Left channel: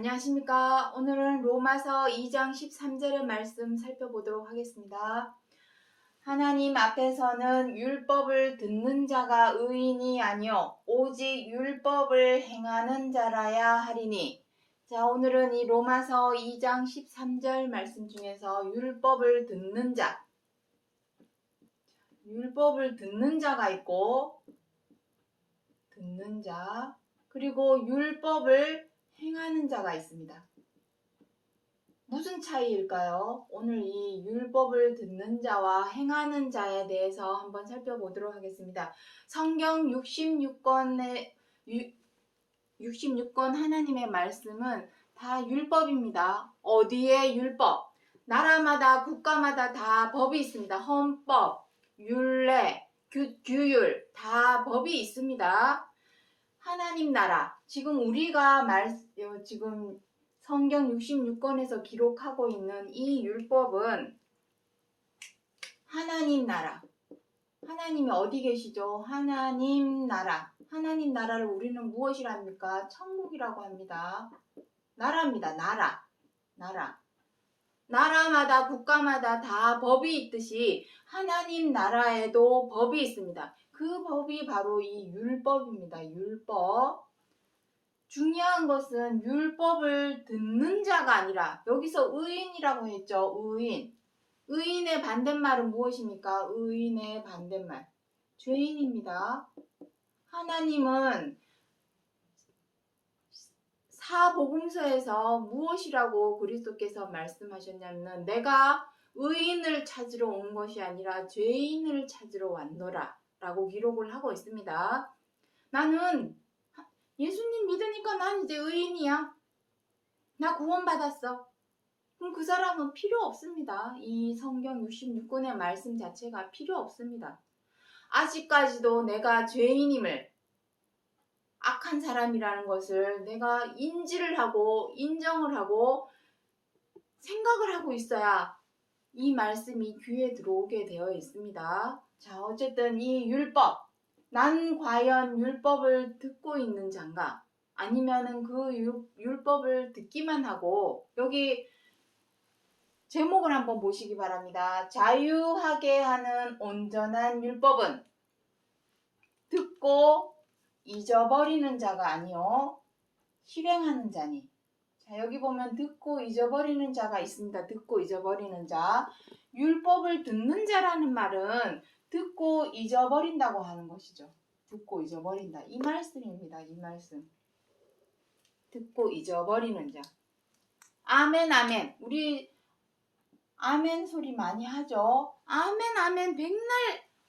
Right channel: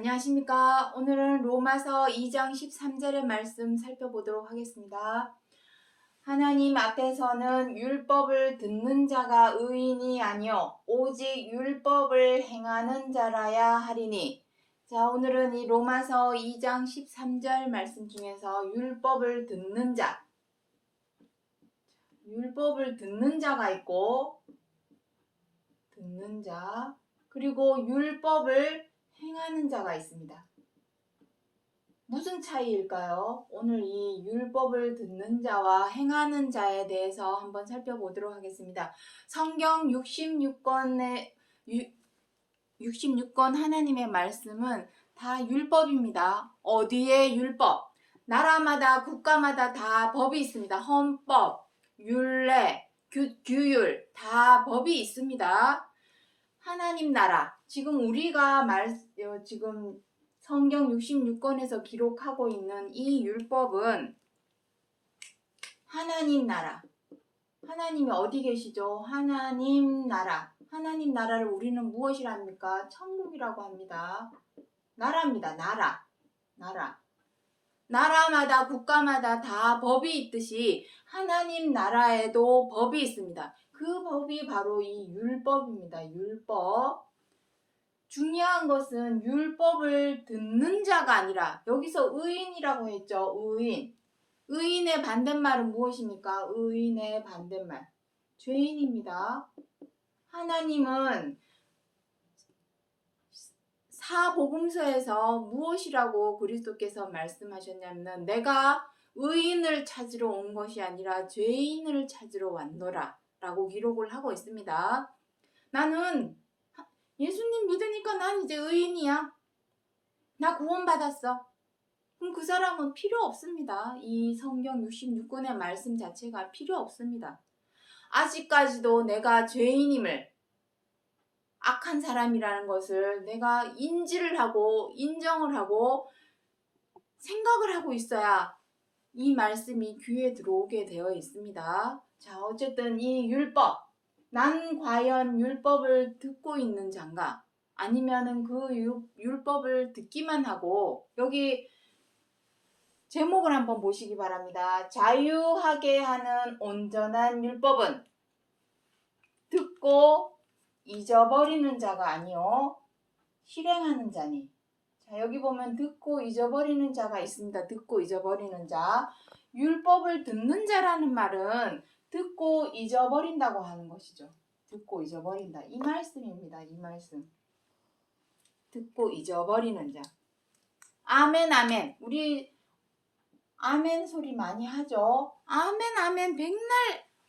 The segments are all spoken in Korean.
안녕하십니까. 오늘은 로마서 2장 13절의 말씀 살펴보도록 하겠습니다. 하나님 앞에서는 율법을 듣는 자가 의인이 아니요 오직 율법을 행하는 자라야 하리니. 자, 오늘은 이 로마서 2장 13절 말씀 중에서 율법을 듣는 자, 율법을 듣는 자가 있고 듣는 자, 그리고 율법을 행하는 자가 있습니다. 무슨 차이일까요? 오늘 이 율법을 듣는 자와 행하는 자에 대해서 한번 살펴보도록 하겠습니다. 성경 66권의 66권 하나님의 말씀은 다 율법입니다. 어디에 율법? 나라마다 국가마다 다 법이 있습니다. 헌법, 율례, 규율 다 법이 있습니다. 하나님 나라, 지금 우리가 지금 성경 66권에서 기록하고 있는 이 율법은 하나님 나라, 하나님이 어디 계시죠? 하나님 나라, 하나님 나라를 우리는 무엇이라 합니까? 천국이라고 합니다. 나라입니다. 나라. 나라마다 국가마다 다 법이 있듯이 하나님 나라에도 법이 있습니다. 그 법이 바로 이 율법입니다. 율법. 중요한 것은 율법을 듣는 자가 아니라, 여기서 의인이라고 했죠. 의인. 의인의 반대말은 무엇입니까? 의인의 반대말. 죄인입니다. 하나님은 사복음서에서 무엇이라고 그리스도께서 말씀하셨냐면, 내가 의인을 찾으러 온 것이 아니라 죄인을 찾으러 왔노라 라고 기록을 하고 있습니다. 나는 예수님 믿으니까 난 이제 의인이야. 나 구원받았어. 그럼 그 사람은 필요 없습니다. 이 성경 66권의 말씀 자체가 필요 없습니다. 아직까지도 내가 죄인임을, 악한 사람이라는 것을 내가 인지를 하고 인정을 하고 생각을 하고 있어야 이 말씀이 귀에 들어오게 되어 있습니다. 자, 어쨌든 이 율법, 난 과연 율법을 듣고 있는 자인가? 아니면은 그 율법을 듣기만 하고, 여기 제목을 한번 보시기 바랍니다. 자유하게 하는 온전한 율법은 듣고 잊어버리는 자가 아니요 실행하는 자니. 자, 여기 보면 듣고 잊어버리는 자가 있습니다. 듣고 잊어버리는 자. 율법을 듣는 자라는 말은 듣고 잊어버린다고 하는 것이죠. 듣고 잊어버린다. 이 말씀입니다. 이 말씀. 듣고 잊어버리는 자. 아멘, 아멘. 우리 아멘 소리 많이 하죠. 아멘, 아멘. 백날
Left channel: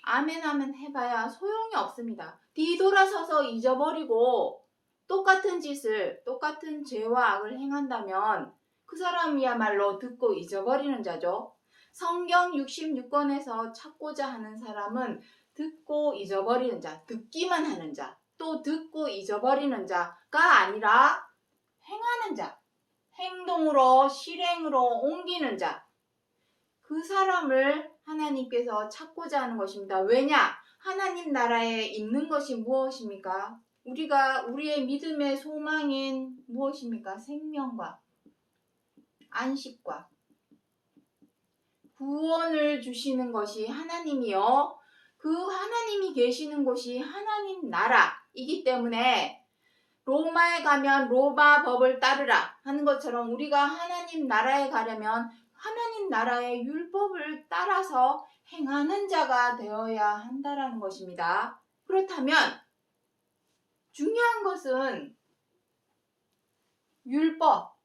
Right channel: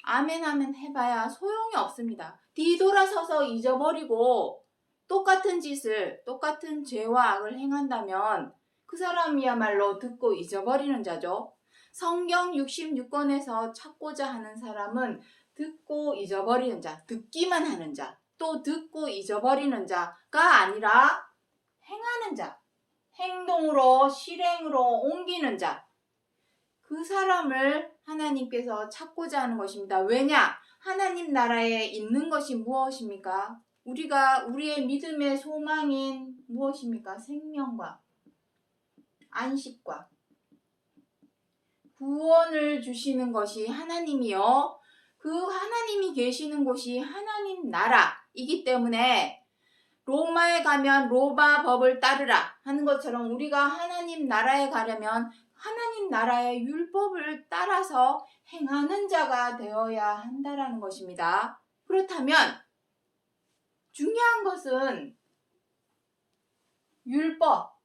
아멘, 아멘 해봐야 소용이 없습니다. 뒤돌아서서 잊어버리고 똑같은 짓을, 똑같은 죄와 악을 행한다면 그 사람이야말로 듣고 잊어버리는 자죠. 성경 66권에서 찾고자 하는 사람은 듣고 잊어버리는 자, 듣기만 하는 자, 또 듣고 잊어버리는 자가 아니라 행하는 자, 행동으로, 실행으로 옮기는 자, 그 사람을 하나님께서 찾고자 하는 것입니다. 왜냐? 하나님 나라에 있는 것이 무엇입니까? 우리의 믿음의 소망인 무엇입니까? 생명과 안식과 구원을 주시는 것이 하나님이요. 그 하나님이 계시는 곳이 하나님 나라이기 때문에 로마에 가면 로마 법을 따르라 하는 것처럼 우리가 하나님 나라에 가려면 하나님 나라의 율법을 따라서 행하는 자가 되어야 한다라는 것입니다. 그렇다면 중요한 것은 율법,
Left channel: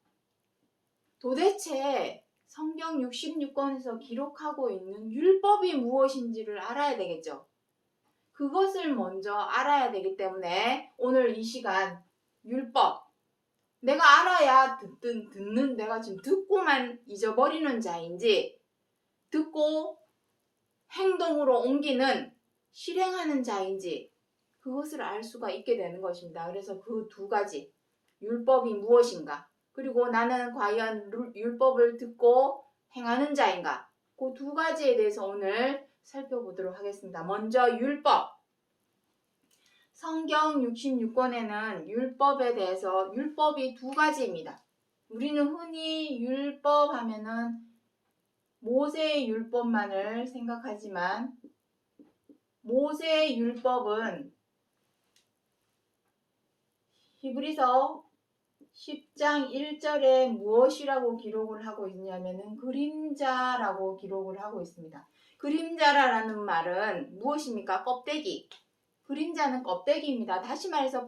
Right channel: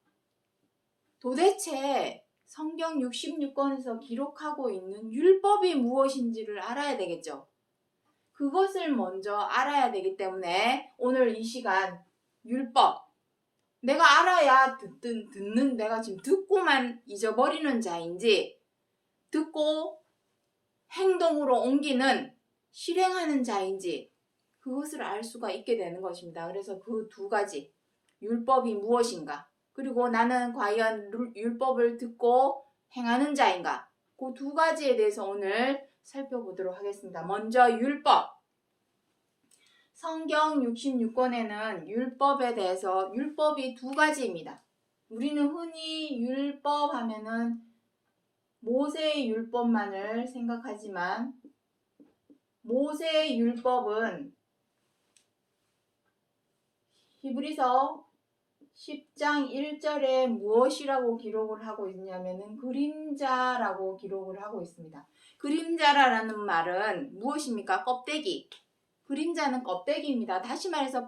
도대체 성경 66권에서 기록하고 있는 율법이 무엇인지를 알아야 되겠죠. 그것을 먼저 알아야 되기 때문에 오늘 이 시간 율법, 내가 알아야 듣는 내가 지금 듣고만 잊어버리는 자인지 듣고 행동으로 옮기는 실행하는 자인지 그것을 알 수가 있게 되는 것입니다. 그래서 그 두 가지, 율법이 무엇인가, 그리고 나는 과연 율법을 듣고 행하는 자인가, 그 두 가지에 대해서 오늘 살펴보도록 하겠습니다. 먼저 율법. 성경 66권에는 율법에 대해서 율법이 두 가지입니다. 우리는 흔히 율법 하면은 모세의 율법만을 생각하지만 모세의 율법은 히브리서 10장 1절에 무엇이라고 기록을 하고 있냐면은 그림자라고 기록을 하고 있습니다. 그림자라는 말은 무엇입니까? 껍데기. 그림자는 껍데기입니다. 다시 말해서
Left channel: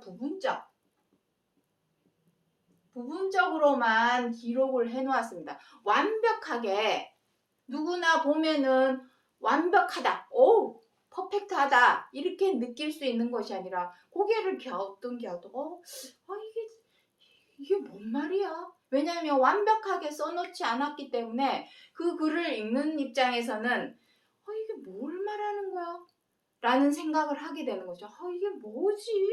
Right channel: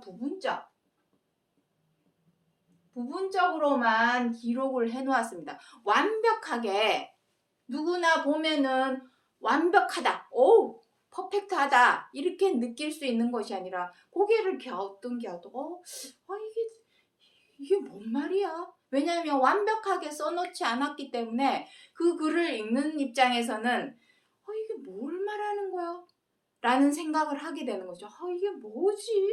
부분적으로만 기록을 해놓았습니다. 완벽하게 누구나 보면은 완벽하다, 오, 퍼펙트하다 이렇게 느낄 수 있는 것이 아니라 고개를 갸우뚱갸우뚱 이게 뭔 말이야? 왜냐하면 완벽하게 써놓지 않았기 때문에 그 글을 읽는 입장에서는 이게 뭘 말하는 거야? 라는 생각을 하게 되는 거죠. 이게 뭐지?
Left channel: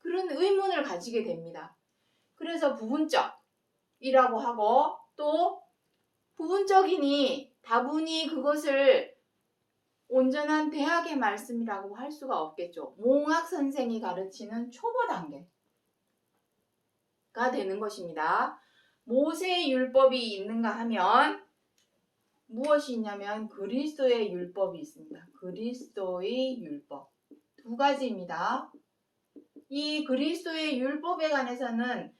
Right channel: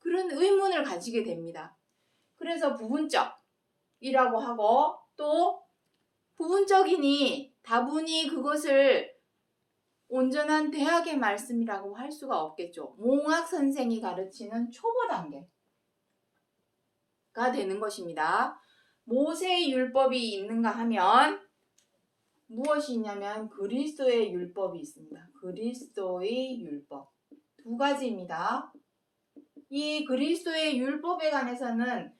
그런 의문을 가지게 됩니다. 그래서 부분적이라고 하고 또 부분적이니 다분히 그것을 온전한 대학의 말씀이라고 할 수가 없겠죠. 몽학 선생이 가르치는 초보 단계가 되는 것입니다. 모세의 율법이 있는가 하면 무엇이 있냐면 그리스도의 율법이 있습니다. 그리스도의 율법. 두 가지입니다. 이 그리스도의 율법에 관해서는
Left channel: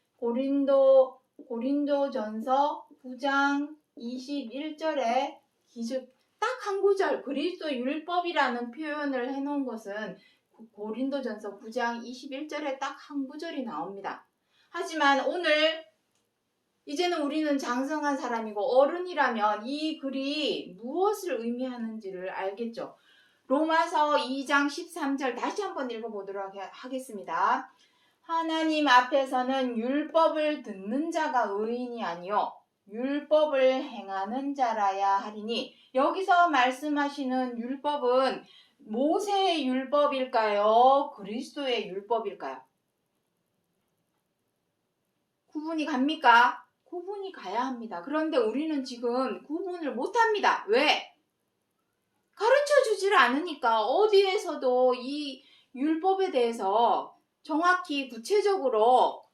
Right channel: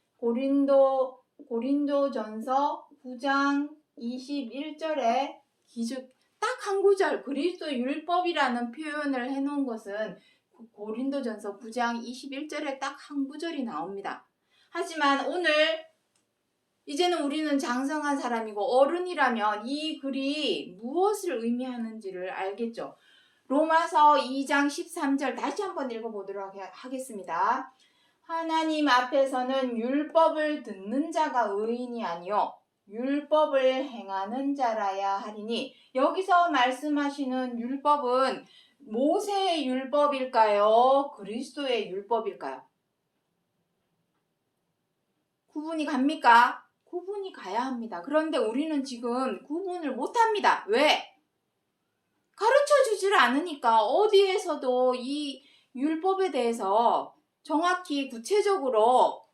고린도전서 9장 21절에 딱 한 구절 그리스도 율법이라는 표현을 해놓은 것은 고린도전서 9장 21절에 딱 한 구절이 나옵니다. 하지만 오늘 이제는 우리는 장성한 사람이고 어른이라면 이 글이 무엇을 의미하는지를 알겠죠. 로마서 2장 13절 다시 한번 읽어보도록 하겠습니다. 하나님 앞에서는 율법을 듣는 자가 의인이 아니요 율법을 행하는 자라야 하리니, 여기서 말씀하시는 율법은 모세의 율법일까요? 그리스도의 율법일까요? 구분이 갑니까? 구분이 가야 합니다. 그런데 우리는 지금 구분을 못합니다. 왜? 가르쳐주질 않으니까. 어디에서도 이 율법에 대해서 정확히 구체적으로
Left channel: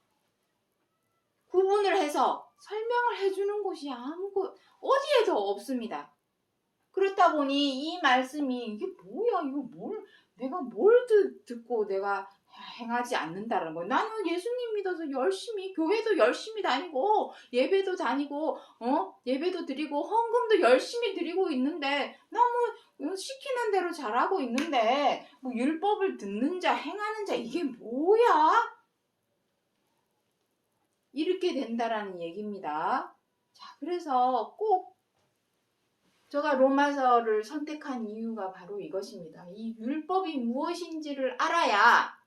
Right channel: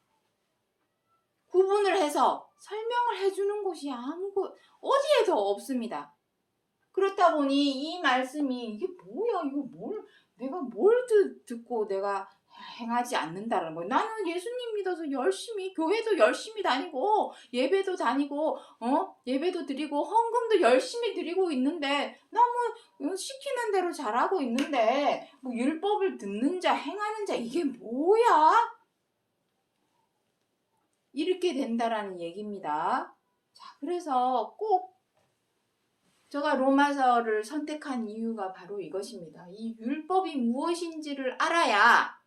구분을 해서 설명을 해주는 곳이 어디에도 없습니다. 그렇다 보니 이 말씀이 이게 뭐야, 내가 뭘 듣고 내가 행하지 않는다는 거예요. 나는 예수님 믿어서 열심히 교회도 열심히 다니고 예배도 다니고 예배도 드리고 헌금도 열심히 드리고 있는데 너무 시키는 대로 잘하고 있는데 뭐 율법을 듣는 자 행하는 자 이게 뭐야? 이렇게 된다라는 얘기입니다. 자, 그래서 꼭 제가 로마서를 선택한 이유가 바로 이것입니다. 이 율법이 무엇인지를 알아야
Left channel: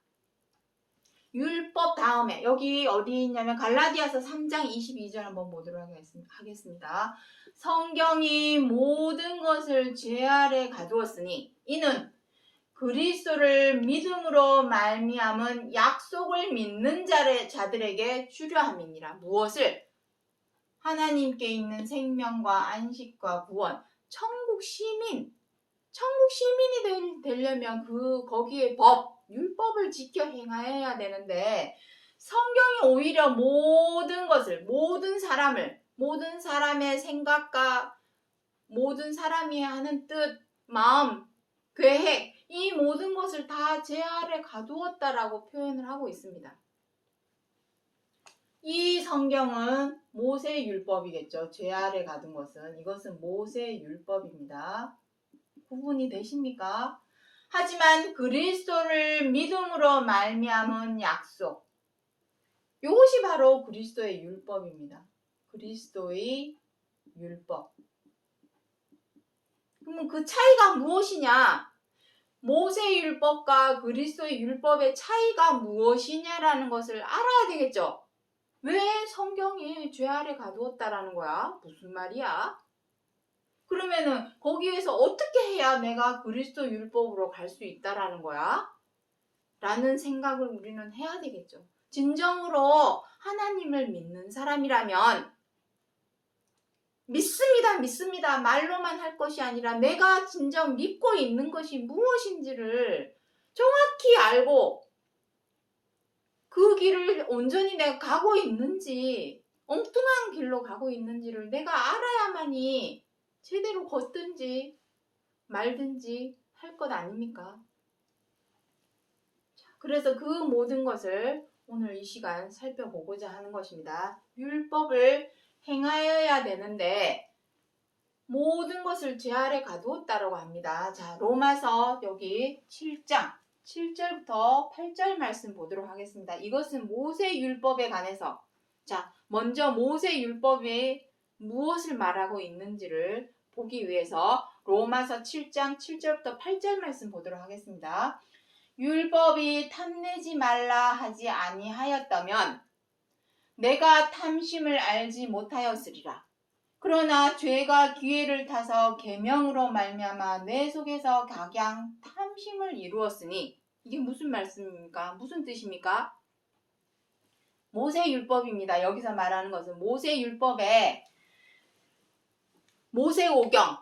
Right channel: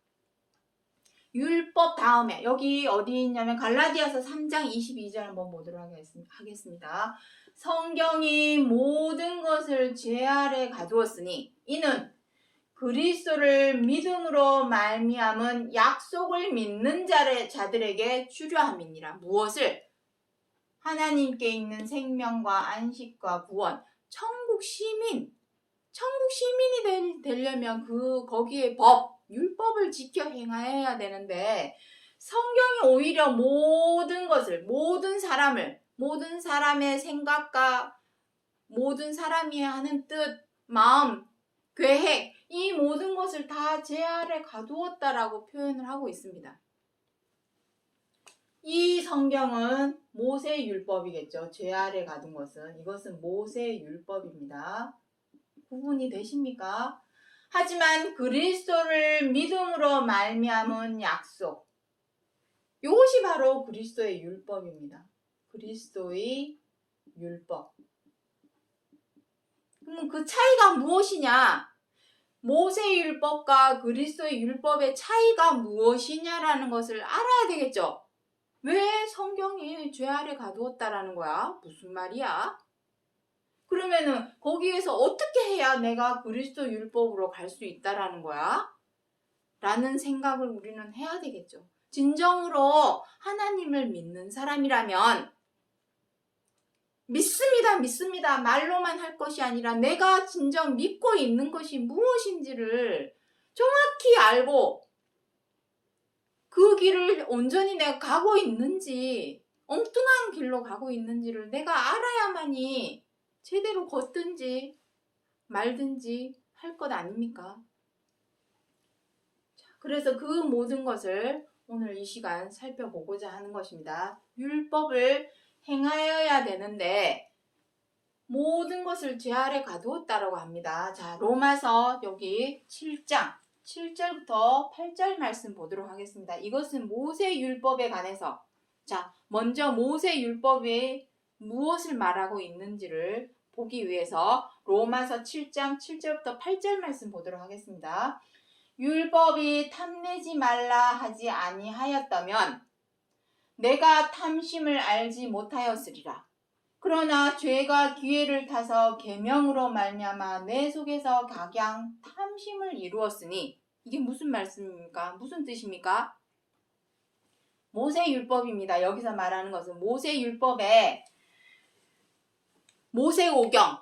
율법 다음에 여기 어디 있냐면 갈라디아서 3장 22절 한번 보도록 하겠습니다. 성경이 모든 것을 죄 아래 가두었으니 이는 그리스도를 믿음으로 말미암은 약속을 믿는 자들에게 주려함이니라. 무엇을? 하나님께 있는 생명과 안식과 구원, 천국 시민이 되려면 거기에 율법을 지켜 행해야 되는데 성경이 오히려 모든 것을, 모든 사람의 생각과 모든 사람이 하는 뜻, 마음, 계획, 이 모든 것을 다 제 아래 가두었다라고 표현을 하고 있습니다. 이 성경은 모세의 율법이겠죠. 죄 아래 가둔 것은 이것은 모세의 율법입니다. 구분이 되십니까? 하지만 그리스도를 믿음으로 말미암은 약속, 이것이 바로 그리스도의 율법입니다. 그리스도의 율법. 그러면 그 차이가 무엇이냐? 모세의 율법과 그리스도의 율법의 차이가 무엇이냐라는 것을 알아야 되겠죠. 왜 성경이 죄 아래 가두었다라는 거야? 무슨 말이야? 그러면은 거기에서 어떻게 해야 내가 그리스도 율법으로 갈 수 있다라는 거야? 라는 생각을 우리는 해야 되겠죠. 진정으로 하나님을 믿는 사람이라면 믿습니다 말로만 할 것이 아니라 내가 진정 믿고 있는 것이 무엇인지를 정확히 알고 그 길을 온전히 내가 가고 있는지 엉뚱한 길로 가고 있는지를 내가 알아야만이 제대로 걷든지 말든지 할 것 아닙니까? 그래서 그 모든 것을 오늘 이 시간 살펴보고자 하는 것입니다. 율법을 행하여야 되는데 모든 것을 죄 아래 가두었다라고 합니다. 자, 로마서 여기 7장 7절부터 8절 말씀 보도록 하겠습니다. 이것은 모세 율법에 관해서 자, 먼저 모세 율법이 무엇을 말하고 있는지를 보기 위해서 로마서 7장 7절부터 8절 말씀 보도록 하겠습니다. 율법이 탐내지 말라 하지 아니하였다면 내가 탐심을 알지 못하였으리라. 그러나 죄가 기회를 타서 계명으로 말미암아 내 속에서 각양 탐심을 이루었으니 이게 무슨 말씀입니까? 무슨 뜻입니까? 모세율법입니다. 여기서 말하는 것은 모세율법에 모세오경,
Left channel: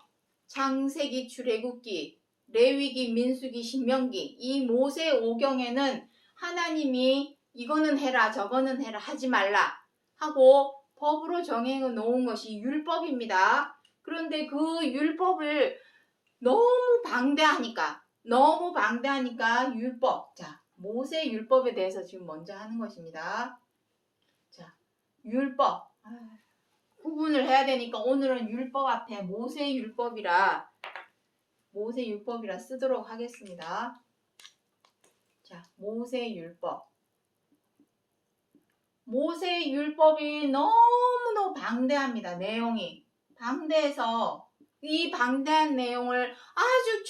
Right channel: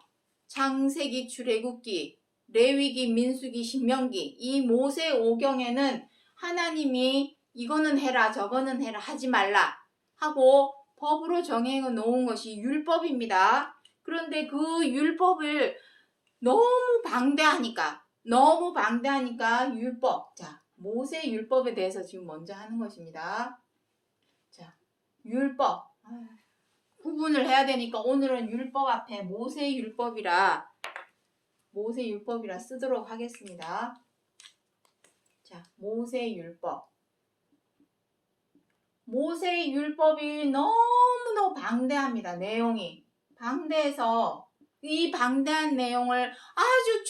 창세기, 출애굽기, 레위기, 민수기, 신명기 이 모세오경에는 하나님이 이거는 해라 저거는 해라 하지 말라 하고 법으로 정해 놓은 것이 율법입니다. 그런데 그 율법을 너무 방대하니까 율법, 자 모세 율법에 대해서 지금 먼저 하는 것입니다. 자 율법 구분을 해야 되니까 오늘은 율법 앞에 모세 율법이라 쓰도록 하겠습니다. 자 모세 율법이 너무너무 방대합니다. 내용이 방대해서 이 방대한 내용을 아주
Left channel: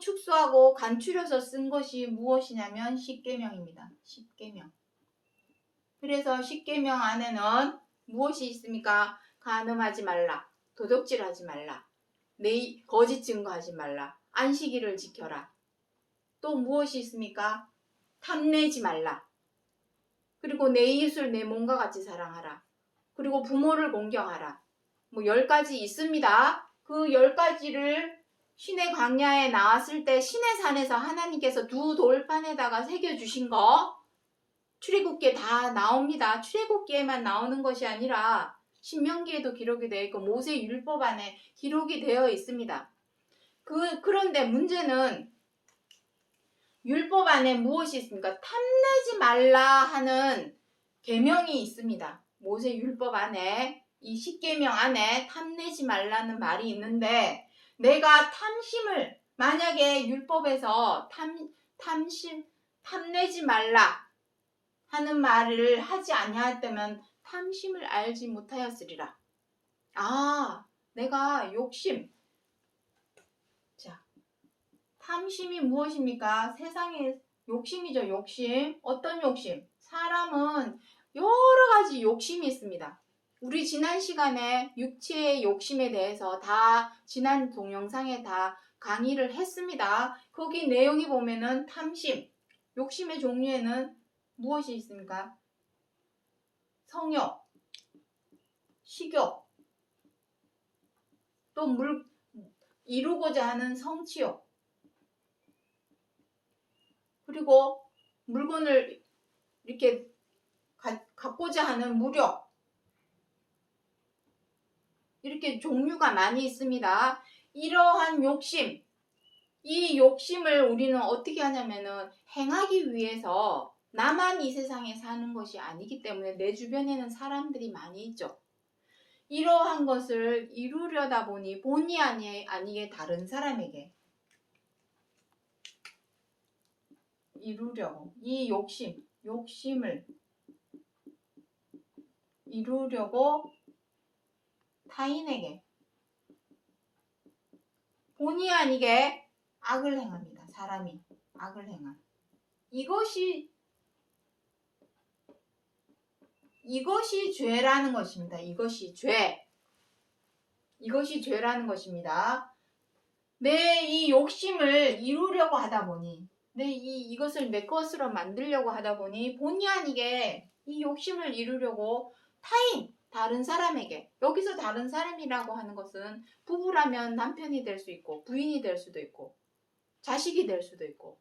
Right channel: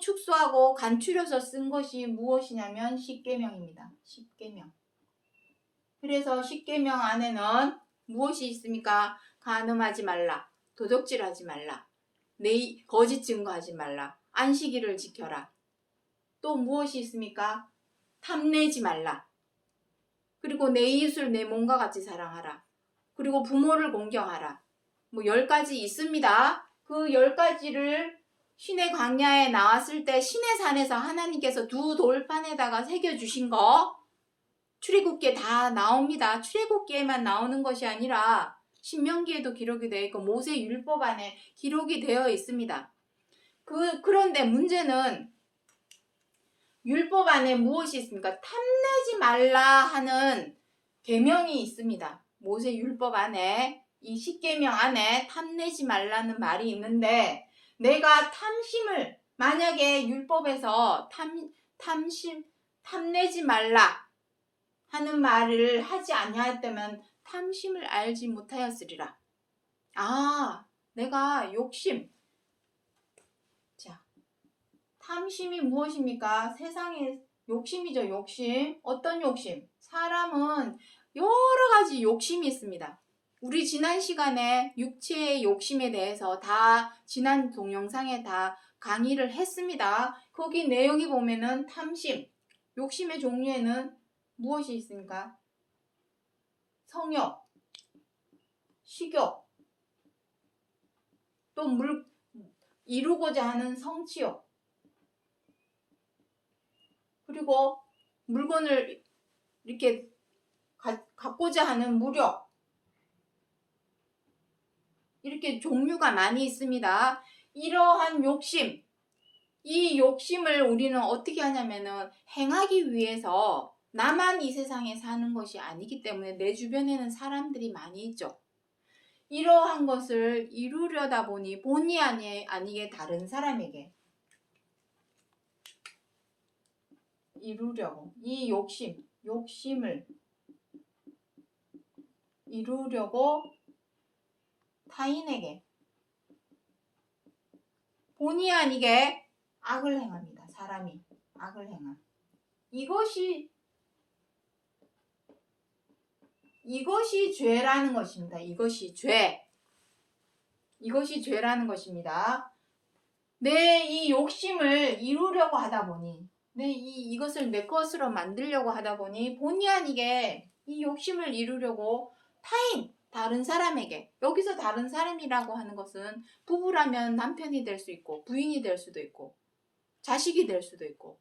축소하고 간추려서 쓴 것이 무엇이냐면 십계명입니다. 십계명. 그래서 십계명 안에는 무엇이 있습니까? 간음하지 말라, 도적질하지 말라, 거짓 증거하지 말라, 안식일을 지켜라. 또 무엇이 있습니까? 탐내지 말라. 그리고 내 이웃을 내 몸과 같이 사랑하라. 그리고 부모를 공경하라. 10가지 있습니다. 그 10가지를 신의 광야에 나왔을 때 신의 산에서 하나님께서 두 돌판에다가 새겨주신 거 출애굽기에 다 나옵니다. 출애굽기에만 나오는 것이 아니라 신명기에도 기록이 되어 있고 모세 율법 안에 기록이 되어 있습니다. 그런데 문제는 율법 안에 무엇이 있습니까? 탐내지 말라 하는 계명이 있습니다. 모세 율법 안에 이 십계명 안에 탐내지 말라는 말이 있는데 내가 탐심을 만약에 율법에서 탐내지 말라 하는 말을 하지 아니하였다면 탐심을 알지 못하였으리라. 내가 욕심. 자, 탐심이 무엇입니까? 세상의 욕심이죠. 욕심. 어떤 욕심? 사람은 여러 가지 욕심이 있습니다. 우리 지난 시간에 육체의 욕심에 대해서 다 지난 동영상에 다 강의를 했습니다. 거기 내용이 보면은 탐심, 욕심의 종류에는 무엇이 있습니까? 성욕, 식욕, 또 이루고자 하는 성취욕, 그리고 물건을 이렇게 갖고자 하는 무력, 이렇게 종류가 많이 있습니다. 이러한 욕심, 이 욕심을 우리는 어떻게 하냐면은 행하기 위해서 나만 이 세상에 사는 것이 아니기 때문에 내 주변에는 사람들이 많이 있죠. 이러한 것을 이루려다 보니 본의 아니게 다른 사람에게 이루려고 이 욕심을 이루려고 타인에게 본의 아니게 악을 행합니다. 사람이 악을 행함. 이것이 죄라는 것입니다. 이것이 죄라는 것입니다. 내 이 욕심을 이루려고 하다 보니 이것을 내 것으로 만들려고 하다 보니 본의 아니게 이 욕심을 이루려고 다른 사람에게, 여기서 다른 사람이라고 하는 것은 부부라면 남편이 될 수 있고 부인이 될 수도 있고 자식이 될 수도 있고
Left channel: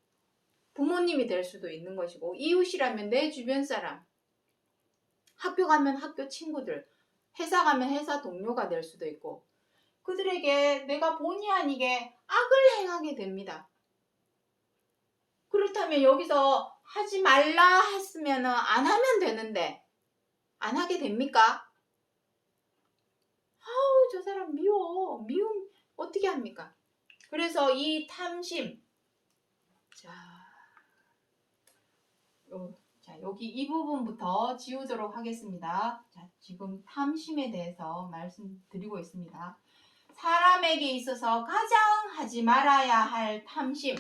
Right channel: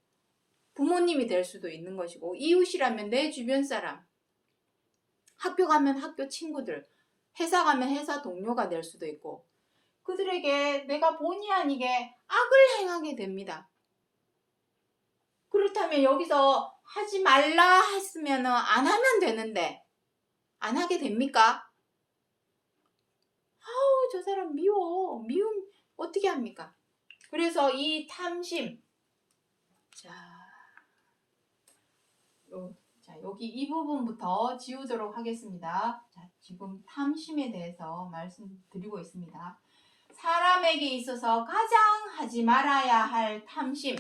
부모님이 될 수도 있는 것이고 이웃이라면 내 주변 사람, 학교 가면 학교 친구들, 회사 가면 회사 동료가 될 수도 있고 그들에게 내가 본의 아니게 악을 행하게 됩니다. 그렇다면 여기서 하지 말라 했으면 안 하면 되는데 안 하게 됩니까? 아우 저 사람 미워. 미움 어떻게 합니까? 그래서 이 탐심 여기 이 부분부터 지우도록 하겠습니다. 자, 지금 탐심에 대해서 말씀드리고 있습니다. 사람에게 있어서 가장 하지 말아야 할 탐심.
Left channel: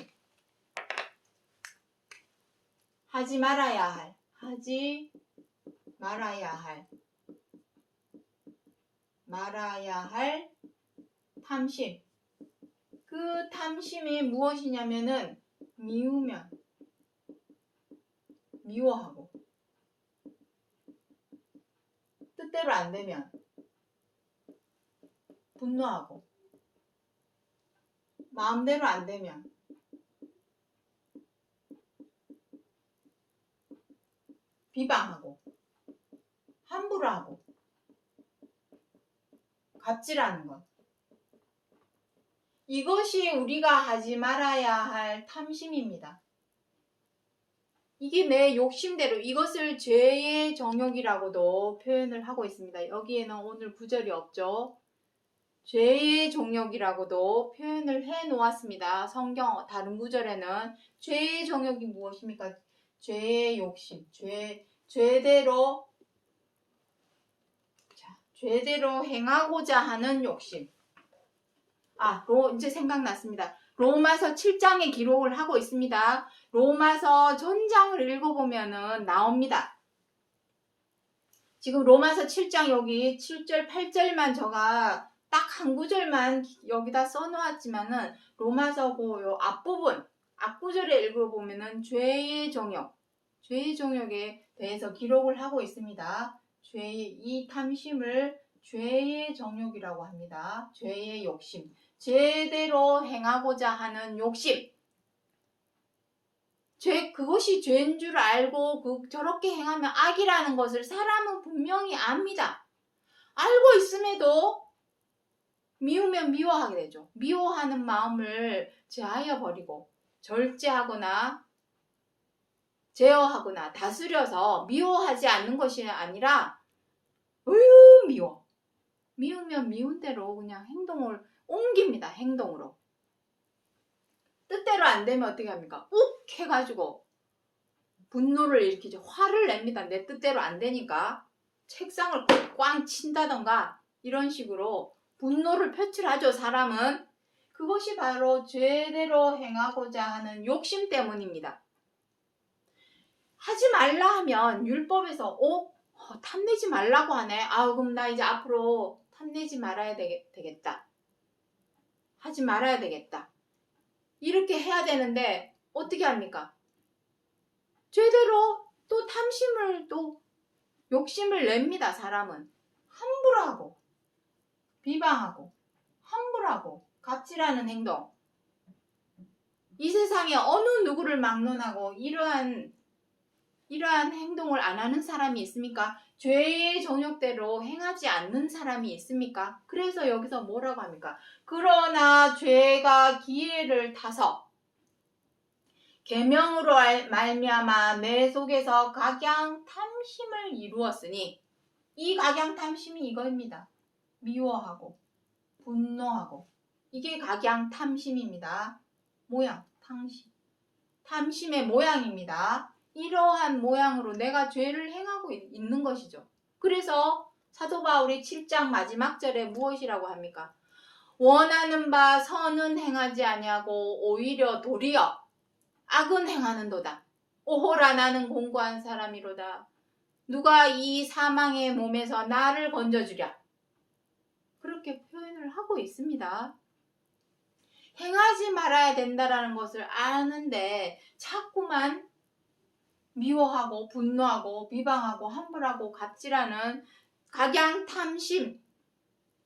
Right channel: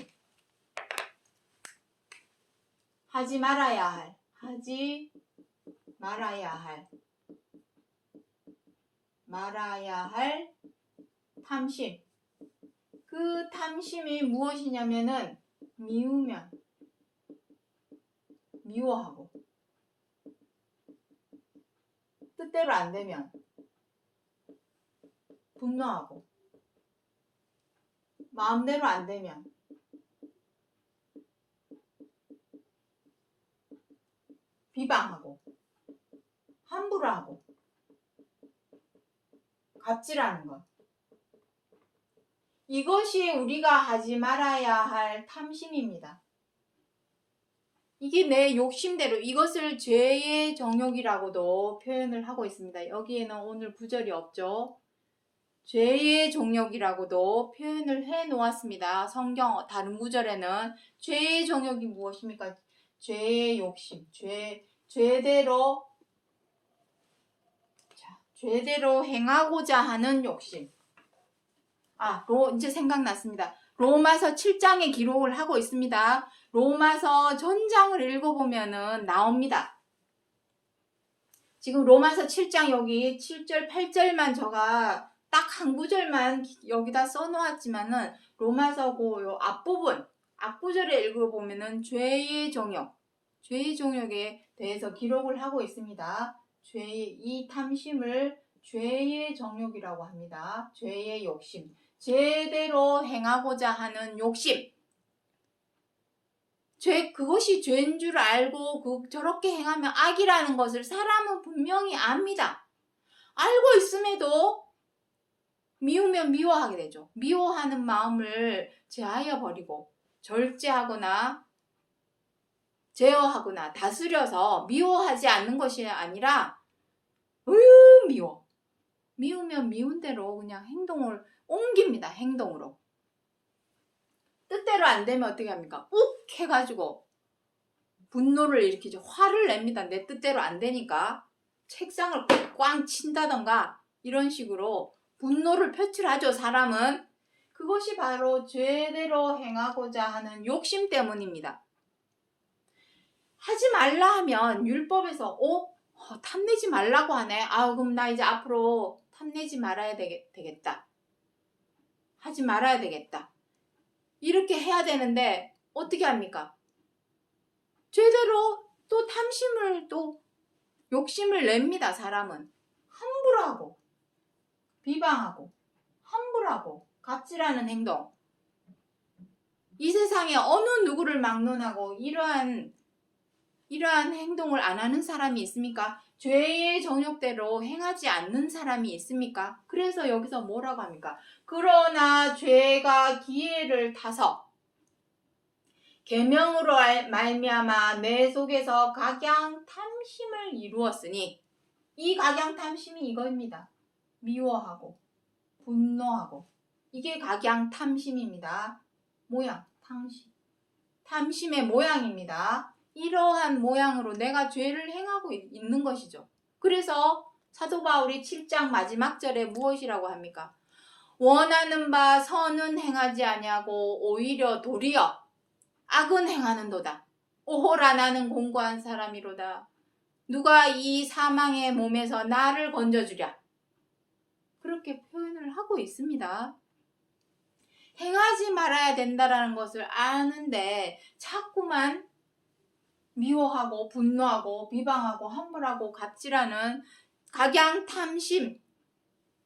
하지 말아야 할 탐심. 그 탐심이 무엇이냐면은 미우면 미워하고 뜻대로 안 되면 분노하고 마음대로 안 되면 비방하고 함부로 하고 갑질하는 것. 이것이 우리가 하지 말아야 할 탐심입니다. 이게 내 욕심대로 이것을 죄의 정욕이라고도 표현을 하고 있습니다. 여기에는 오늘 구절이 없죠. 죄의 정욕이라고도 표현을 해 놓았습니다. 성경 다른 구절에는 죄의 정욕이 무엇입니까? 죄의 욕심, 죄대로 행하고자 하는 욕심. 이제 생각났습니다. 로마서 7장에 기록을 하고 있습니다. 로마서 전장을 읽어보면은 나옵니다. 지금 로마서 7장 여기 7절, 8절만 제가 딱 한 구절만 여기다 써놓았지만은 로마서 요 앞부분, 앞구절에 읽어보면은 죄의 정욕에 대해서 기록을 하고 있습니다. 이 탐심을 죄의 정욕이라고 합니다. 죄의 욕심. 제대로 행하고자 하는 욕심. 그것이 죄인 줄 알고 저렇게 행하면 악이라는 것을 사람은 분명히 압니다. 알고 있음에도 미우면 미워하게 되죠. 미워하는 마음을 제하여 버리고 절제하거나 제어하거나 다스려서 미워하지 않는 것이 아니라 미워. 미우면 미운 대로 그냥 행동을 옮깁니다. 행동으로. 뜻대로 안 되면 어떻게 합니까? 욱 해가지고 분노를 일으키죠. 화를 냅니다. 내 뜻대로 안 되니까. 책상을 꽝 친다던가 이런 식으로 분노를 표출하죠. 사람은. 그것이 바로 죄대로 행하고자 하는 욕심 때문입니다. 하지 말라 하면 율법에서 탐내지 말라고 하네. 그럼 나 이제 앞으로 탐내지 말아야 되겠다. 하지 말아야 되겠다. 이렇게 해야 되는데 어떻게 합니까? 제대로 또 탐심을 또 욕심을 냅니다. 사람은. 함부로 하고 비방하고 함부로 하고 갑질하는 행동. 이 세상에 어느 누구를 막론하고 이러한 행동을 안 하는 사람이 있습니까? 죄의 정욕대로 행하지 않는 사람이 있습니까? 그래서 여기서 뭐라고 합니까? 그러나 죄가 기회를 타서 계명으로 말미암아 내 속에서 각양 탐심을 이루었으니 이 각양 탐심이 이거입니다. 미워하고 분노하고 이게 각양 탐심입니다. 탐심의 모양입니다. 이러한 모양으로 내가 죄를 행하고 있는 것이죠. 그래서 사도 바울이 7장 마지막 절에 무엇이라고 합니까? 원하는 바 선은 행하지 아니하고 오히려 도리어 악은 행하는도다. 오호라 나는 공고한 사람이로다. 누가 이 사망의 몸에서 나를 건져주랴. 그렇게 표현을 하고 있습니다. 행하지 말아야 된다는 것을 아는데 자꾸만 미워하고 분노하고 비방하고 함부로하고 갑질하는 각양 탐심,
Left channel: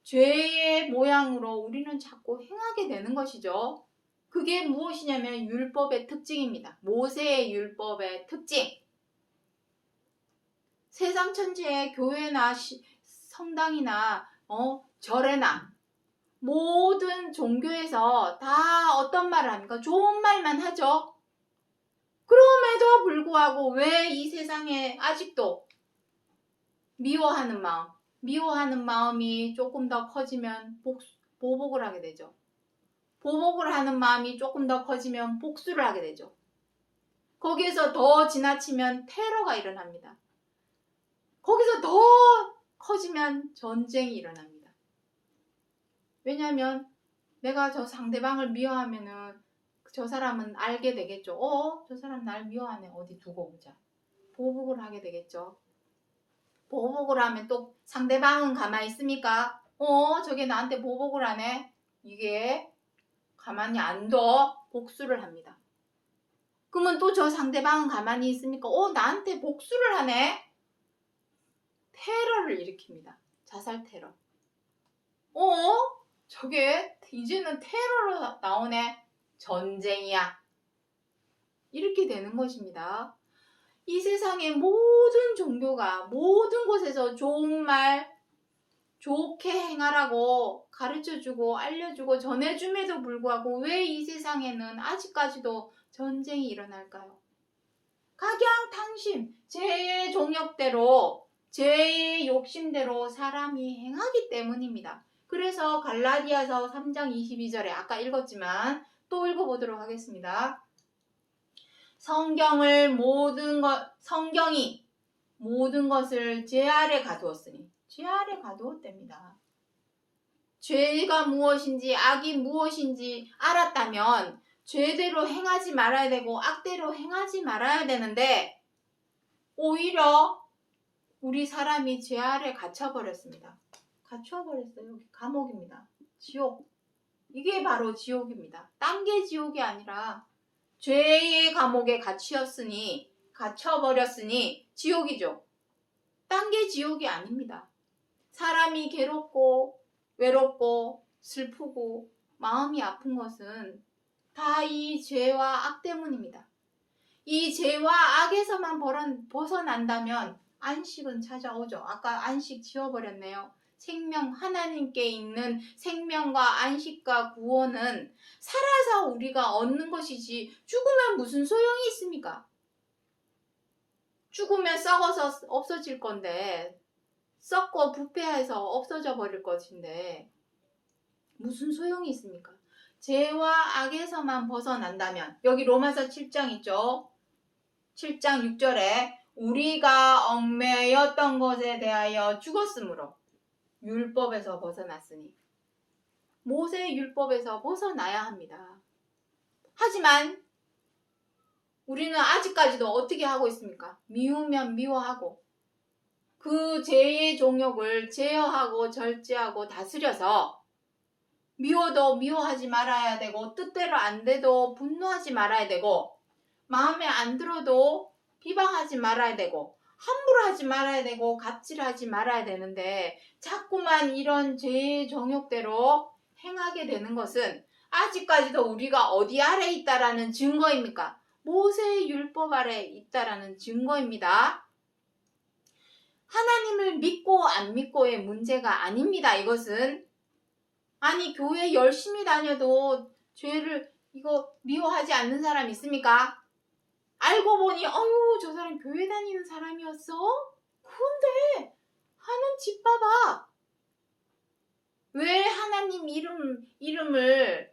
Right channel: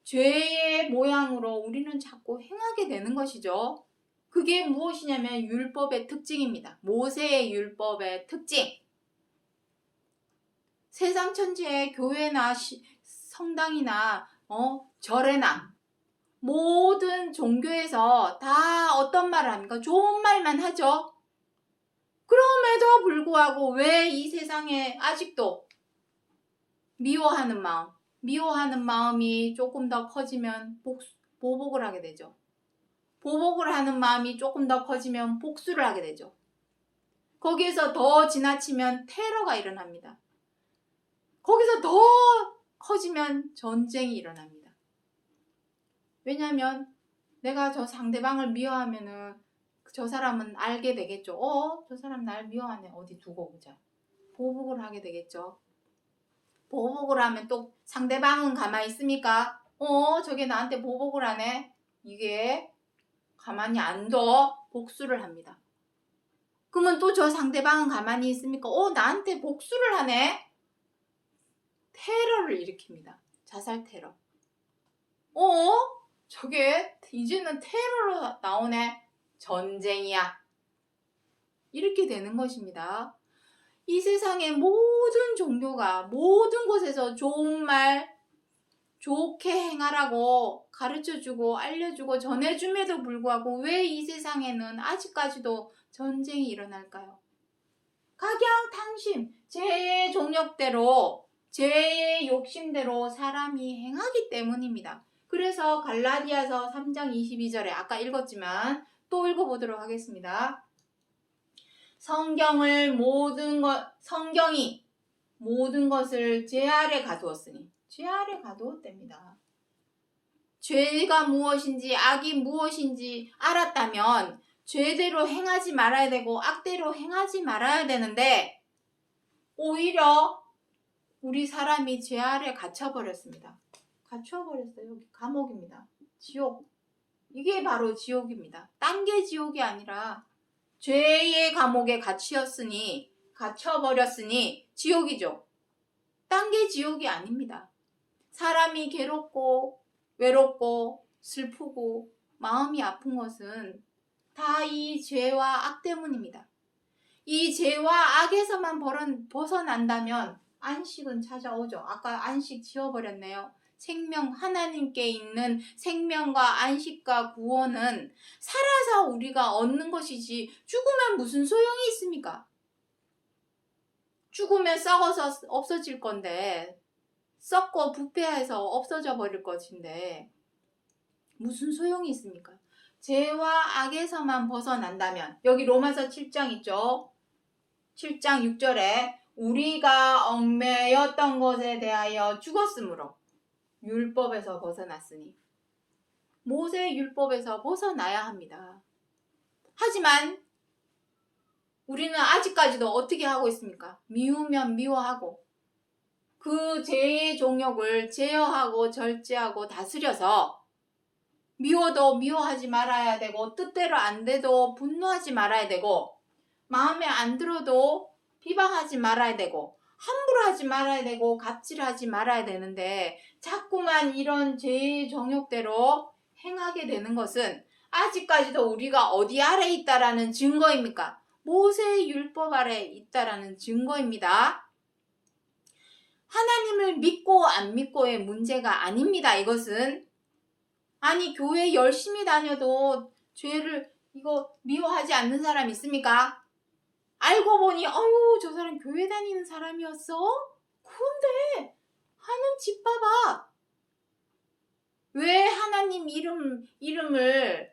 죄의 모양으로 우리는 자꾸 행하게 되는 것이죠. 그게 무엇이냐면 율법의 특징입니다. 모세의 율법의 특징. 세상 천지에 교회나 성당이나 절에나 모든 종교에서 다 어떤 말을 합니까? 좋은 말만 하죠. 그럼에도 불구하고 왜 이 세상에 아직도 미워하는 마음이 조금 더 커지면 보복을 하게 되죠. 보복을 하는 마음이 조금 더 커지면 복수를 하게 되죠. 거기에서 더 지나치면 테러가 일어납니다. 거기서 더 커지면 전쟁이 일어납니다. 왜냐하면 내가 저 상대방을 미워하면은 저 사람은 알게 되겠죠. 저 사람 날 미워하네. 어디 두고 보자. 보복을 하게 되겠죠. 보복을 하면 또 상대방은 가만히 있습니까? 저게 나한테 보복을 하네. 이게 가만히 안 둬. 복수를 합니다. 그러면 또 저 상대방은 가만히 있습니까? 나한테 복수를 하네. 테러를 일으킵니다. 자살 테러. 저게 이제는 테러로 나오네. 전쟁이야. 이렇게 되는 것입니다. 이 세상의 모든 종교가 모든 곳에서 좋은 말, 좋게 행하라고 가르쳐주고 알려주고 전해줌에도 불구하고 왜 이 세상에는 아직까지도 전쟁이 일어날까요? 각양탕심, 죄의 종욕대로, 죄의 욕심대로 사람이 행하기 때문입니다. 그래서 갈라디아서 3장 22절에 아까 읽었지만 또 읽어보도록 하겠습니다. 성경이 모든 것을 죄 아래 가두었으니, 죄 아래 가두었답니다. 죄가 무엇인지 악이 무엇인지 알았다면 죄대로 행하지 말아야 되고 악대로 행하지 말아야 되는데 오히려 우리 사람이 죄 아래 갇혀버렸습니다. 갇혀버렸어요. 감옥입니다. 지옥. 이게 바로 지옥입니다. 딴 게 지옥이 아니라 죄의 감옥에 갇혀버렸으니 지옥이죠. 딴 게 지옥이 아닙니다. 사람이 괴롭고 외롭고 슬프고 마음이 아픈 것은 다 이 죄와 악 때문입니다. 이 죄와 악에서만 벗어난다면 안식은 찾아오죠. 아까 안식 지워버렸네요. 하나님께 있는 생명과 안식과 구원은 살아서 우리가 얻는 것이지 죽으면 무슨 소용이 있습니까? 죽으면 썩어서 없어질 건데, 썩고 부패해서 없어져 버릴 것인데 무슨 소용이 있습니까? 죄와 악에서만 벗어난다면, 여기 로마서 7장 있죠? 7장 6절에 우리가 얽매였던 것에 대하여 죽었으므로 율법에서 벗어났으니, 모세의 율법에서 벗어나야 합니다. 하지만 우리는 아직까지도 어떻게 하고 있습니까? 미우면 미워하고 그 죄의 종욕을 제어하고 절제하고 다스려서 미워도 미워하지 말아야 되고 뜻대로 안 돼도 분노하지 말아야 되고 마음에 안 들어도 비방하지 말아야 되고 함부로 하지 말아야 되고 갑질하지 말아야 되는데 자꾸만 이런 죄의 정욕대로 행하게 되는 것은 아직까지도 우리가 어디 아래 있다라는 증거입니까? 모세의 율법 아래 있다라는 증거입니다. 하나님을 믿고 안 믿고의 문제가 아닙니다. 이것은 아니 교회 열심히 다녀도 죄를 이거 미워하지 않는 사람 있습니까? 알고 보니 저 사람 교회 다니는 사람이었어? 그런데 하는 집 봐봐. 왜 하나님 이름을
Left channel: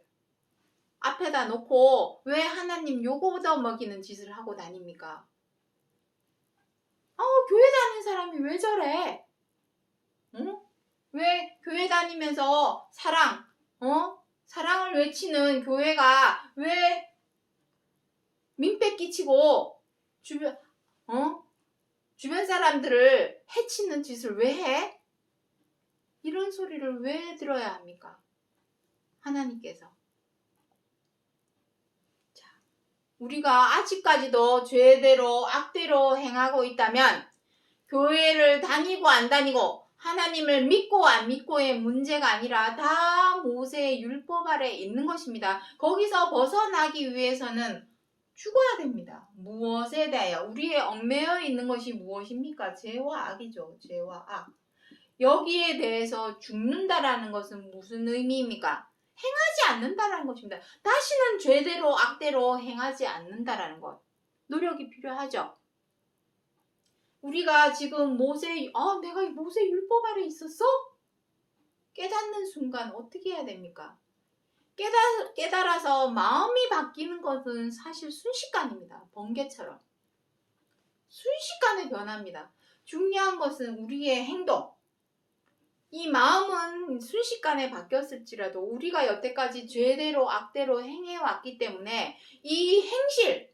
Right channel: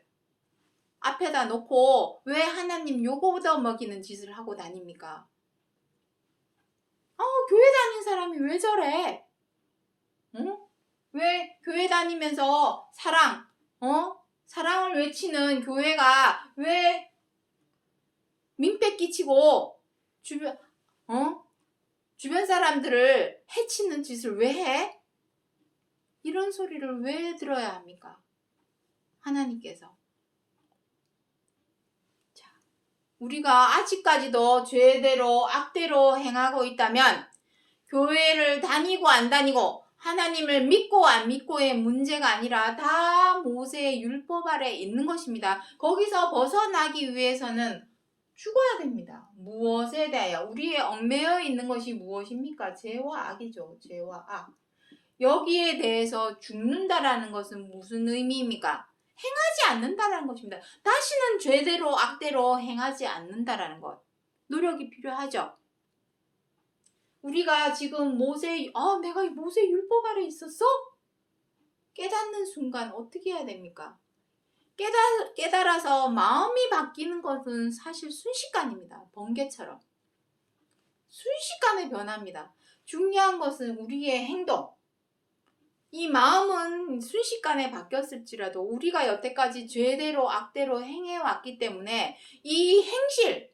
앞에다 놓고 왜 하나님 요거 얻어먹이는 짓을 하고 다닙니까? 교회 다니는 사람이 왜 저래? 응? 왜 교회 다니면서 사랑을 외치는 교회가 왜 민폐 끼치고 주변 사람들을 해치는 짓을 왜 해? 이런 소리를 왜 들어야 합니까? 하나님께서. 자, 우리가 아직까지도 죄대로 악대로 행하고 있다면 교회를 다니고 안 다니고 하나님을 믿고 안 믿고의 문제가 아니라 다 모세의 율법 아래 있는 것입니다. 거기서 벗어나기 위해서는 죽어야 됩니다. 무엇에 대하여? 우리의 얽매여 있는 것이 무엇입니까? 죄와 악이죠. 죄와 악. 여기에 대해서 죽는다라는 것은 무슨 의미입니까? 행하지 않는다라는 것입니다. 다시는 죄대로 악대로 행하지 않는다라는 것. 노력이 필요하죠. 우리가 지금 내가 모세 율법 아래 있었어? 깨닫는 순간 어떻게 해야 됩니까? 깨달아서 마음이 바뀌는 것은 사실 순식간입니다. 번개처럼. 순식간에 변합니다. 중요한 것은 우리의 행동. 이 마음은 순식간에 바뀌었을지라도 우리가 여태까지 죄대로 악대로 행해왔기 때문에 이 행실을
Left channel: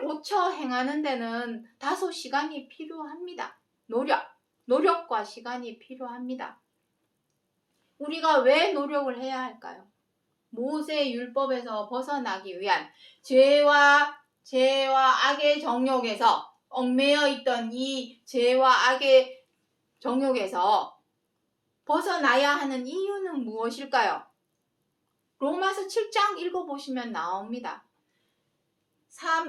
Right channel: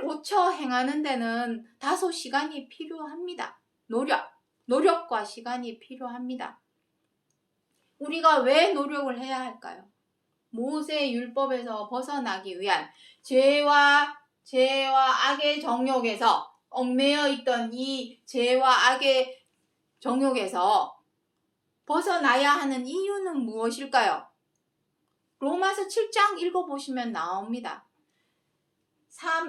고쳐 행하는 데는 다소 시간이 필요합니다. 노력과 시간이 필요합니다. 우리가 왜 노력을 해야 할까요? 모세 율법에서 벗어나기 위한 죄와 악의 정욕에서 얽매여 있던 이 죄와 악의 정욕에서 벗어나야 하는 이유는 무엇일까요? 로마서 7장 읽어보시면 나옵니다.